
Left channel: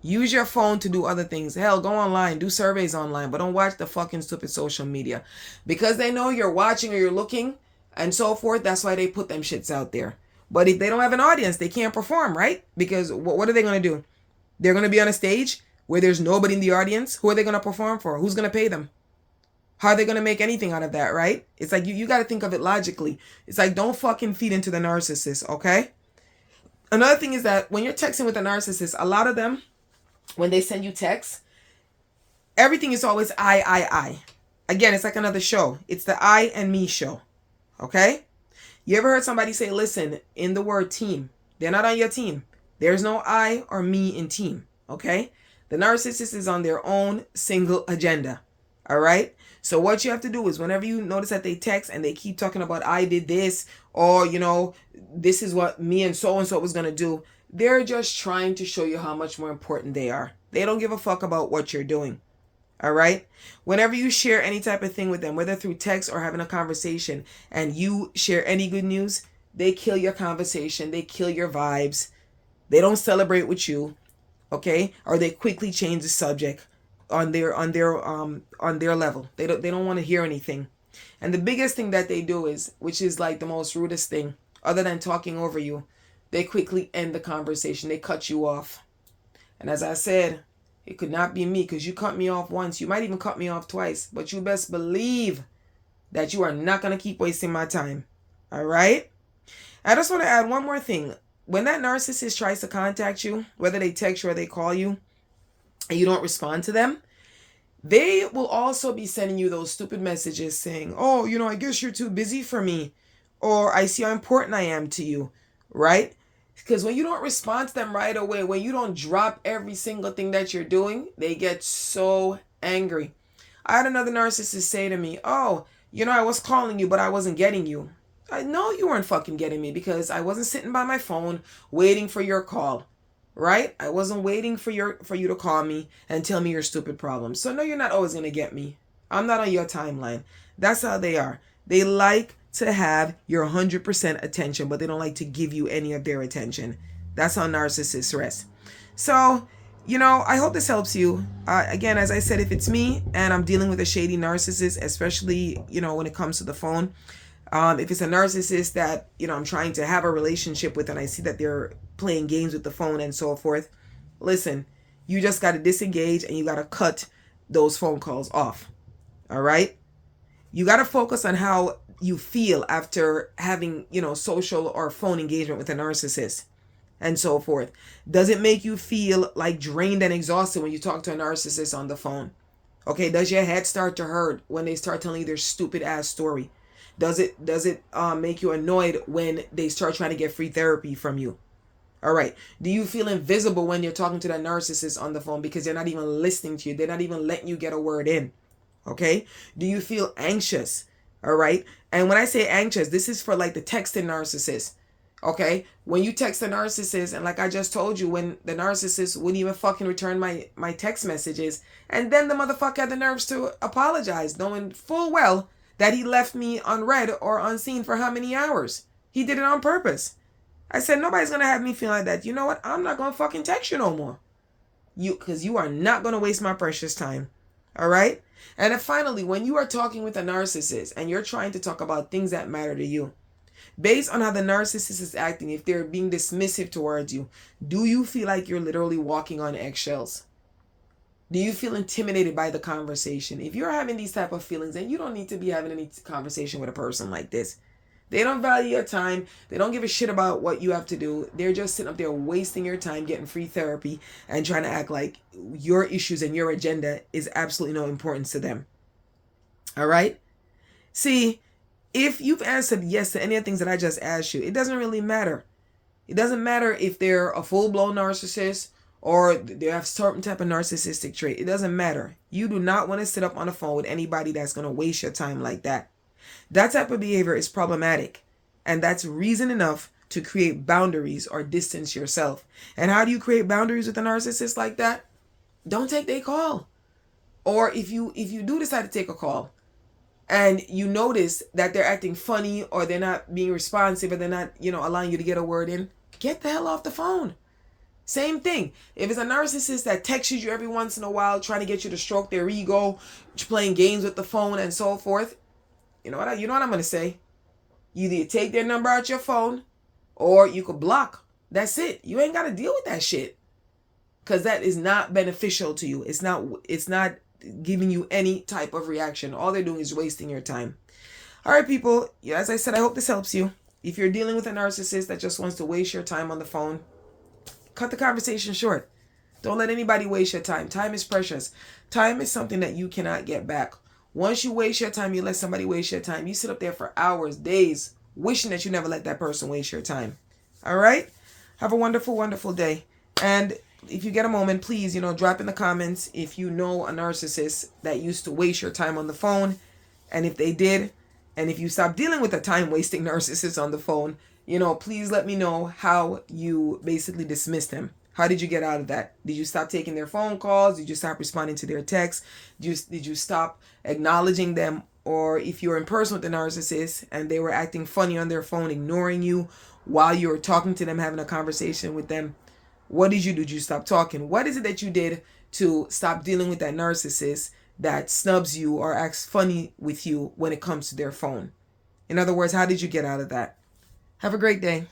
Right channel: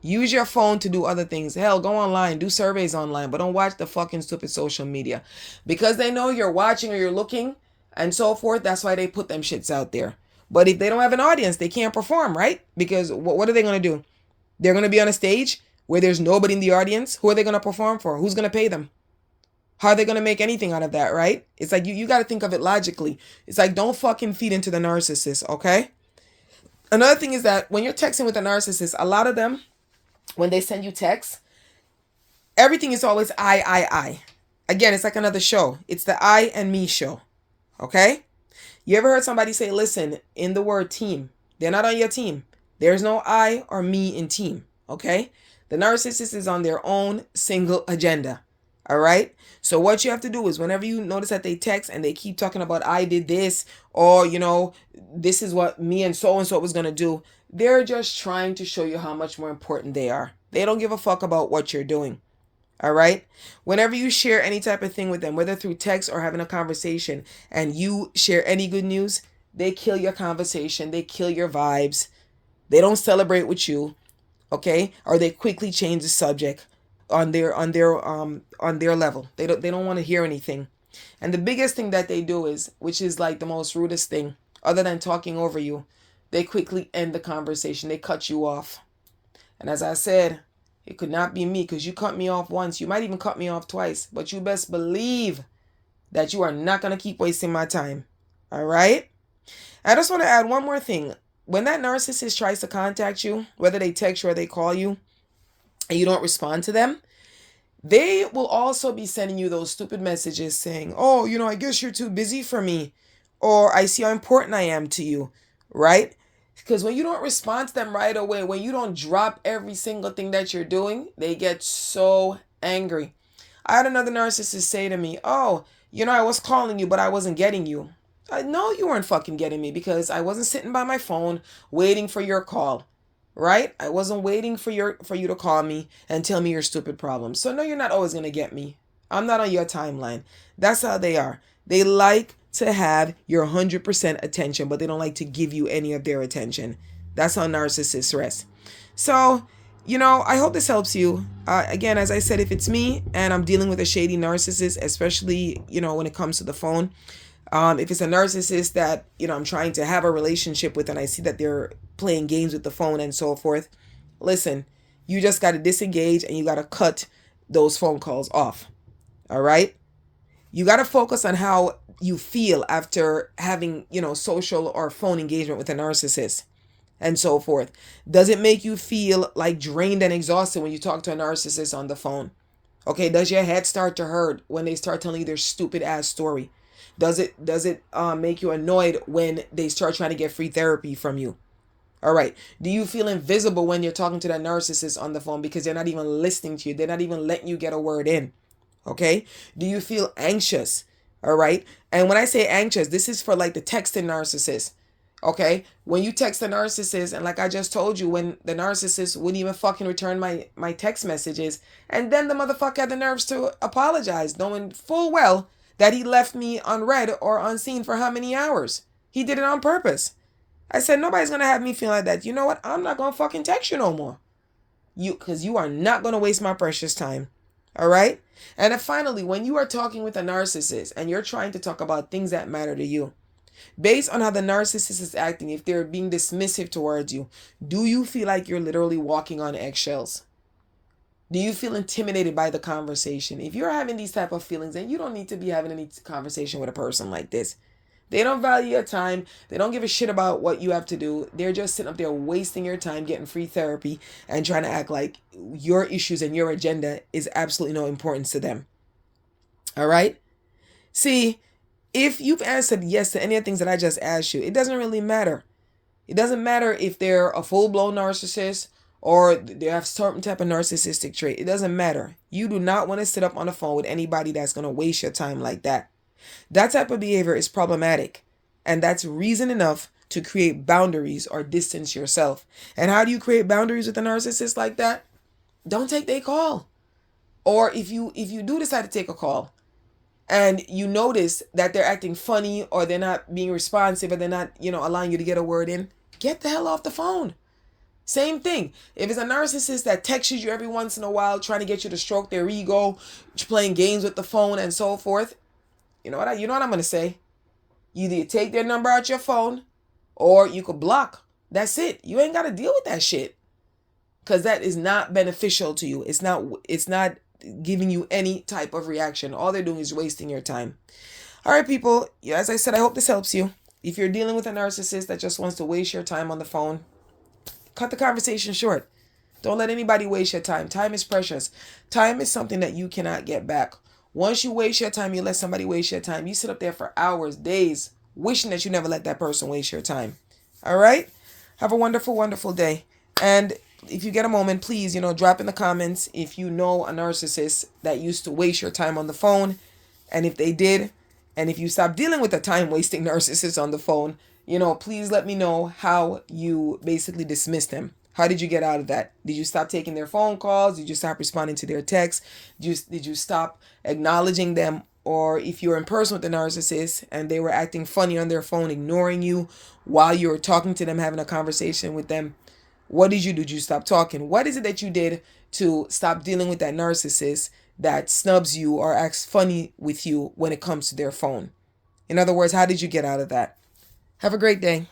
Use your phone to do other things. Hell, go online, do surveys online, but don't watch the fucking stupid social media. Because they know you're watching or you're looking and so forth, that's why they put them shits out there. But if they don't have an audience, they can't perform, right? Because what are they going to do? They're going to be on a stage where there's nobody in the audience. Who are they going to perform for? Who's going to pay them? How are they going to make anything out of that, right? It's like you got to think of it logically. It's like, don't fucking feed into the narcissist, okay? Another thing is that when you're texting with a narcissist, a lot of them, when they send you texts, everything is always I. Again, it's like another show. It's the I and me show, okay? You ever heard somebody say, listen, in the word team, they're not on your team. There's no I or me in team, okay? The narcissist is on their own single agenda. All right. So what you have to do is whenever you notice that they text and they keep talking about I did this, or, this is what me and so was going to do. They're just trying to show you how much more important they are. They don't give a fuck about what you're doing. All right. Whenever you share any type of thing with them, whether through text or having a conversation, and you share any good news, they kill your conversation. They kill your vibes. They don't celebrate with you. Okay. Or they quickly change the subject on their level. They don't want to hear anything. And the biggest thing that they do is, which is like the most rudest thing, other than talking over you, they quickly end the conversation. They cut you off. And as I said, it could not be me, because you cut me off once. You might even cut me off twice. But you best believe that you are not going to keep wasting my time. All right? I just want to add one more thing. When that narcissist tries to contact you, whether they text you or they call you, and you don't respond to them, they will also be sending you those stupid messages saying, oh, I guess you're too busy for me. Or I see how important I am to you. Right? Because when you don't respond to them right away, when you don't drop every single thing that you're doing, they get so angry. I had another narcissist say to me, oh, I was calling you, but I wasn't getting you. I know you weren't fucking getting me, because I wasn't sitting by my phone waiting for your call. Right? I wasn't waiting for you to call me and tell me your stupid problems. So no, you're not always going to get me. I'm not on your timeline. That's how they are. They like to have your 100% attention, but they don't like to give you any of their attention. That's how narcissists rest. So, I hope this helps you. Again, as I said, if it's me and I'm dealing with a shady narcissist, especially, when it comes to the phone, if it's a narcissist that, I'm trying to have a relationship with and I see that they're playing games with the phone and so forth, listen, you just got to disengage and you got to cut those phone calls off. All right? You got to focus on how you feel after having, social or phone engagement with a narcissist and so forth. Does it make you feel like drained and exhausted when you talk to a narcissist on the phone? Okay, does your head start to hurt when they start telling you their stupid ass story? Does it make you annoyed when they start trying to get free therapy from you? All right. Do you feel invisible when you're talking to that narcissist on the phone because they're not even listening to you? They're not even letting you get a word in. Okay. Do you feel anxious? All right. And when I say anxious, this is for like the texting narcissist. Okay. When you text a narcissist, and like I just told you, when the narcissist wouldn't even fucking return my text messages, and then the motherfucker had the nerves to apologize, knowing full well that he left me unread or unseen for how many hours. He did it on purpose. I said, nobody's going to have me feel like that. You know what? I'm not going to fucking text you no more. Because you are not going to waste my precious time. All right? And then finally, when you are talking with a narcissist and you're trying to talk about things that matter to you, based on how the narcissist is acting, if they're being dismissive towards you, do you feel like you're literally walking on eggshells? Do you feel intimidated by the conversation? If you're having these type of feelings, then you don't need to be having any conversation with a person like this. They don't value your time. They don't give a shit about what you have to do. They're just sitting up there wasting your time getting free therapy and trying to act like your issues and your agenda is absolutely no importance to them. All right? See, if you've answered yes to any of the things that I just asked you, it doesn't really matter. It doesn't matter if they're a full-blown narcissist or they have certain type of narcissistic trait. It doesn't matter. You do not want to sit up on the phone with anybody that's going to waste your time like that. That type of behavior is problematic. And that's reason enough to create boundaries or distance yourself. And how do you create boundaries with a narcissist like that? Don't take their call. Or if you do decide to take a call and you notice that they're acting funny or they're not being responsive or they're not, allowing you to get a word in, get the hell off the phone. Same thing. If it's a narcissist that texts you every once in a while trying to get you to stroke their ego, playing games with the phone and so forth, you know what I'm going to say? You either take their number out your phone or you could block. That's it. You ain't got to deal with that shit. Because that is not beneficial to you. It's not giving you any type of reaction. All they're doing is wasting your time. All right, people. Yeah, as I said, I hope this helps you. If you're dealing with a narcissist that just wants to waste your time on the phone, cut the conversation short. Don't let anybody waste your time. Time is precious. Time is something that you cannot get back. Once you waste your time, you let somebody waste your time. You sit up there for hours, days, wishing that you never let that person waste your time. All right? Have a wonderful, wonderful day. And if you get a moment, please, drop in the comments if you know a narcissist that used to waste your time on the phone. And if they did, and if you stop dealing with a time-wasting narcissist on the phone, please let me know how you basically dismiss them. How did you get out of that? Did you stop taking their phone calls? Did you stop responding to their texts? Did you stop acknowledging them? Or if you're in person with the narcissist and they were acting funny on their phone, ignoring you while you're talking to them, having a conversation with them, what did you do? Did you stop talking? What is it that you did to stop dealing with that narcissist that snubs you or acts funny with you when it comes to their phone? In other words, how did you get out of that? Have a great day.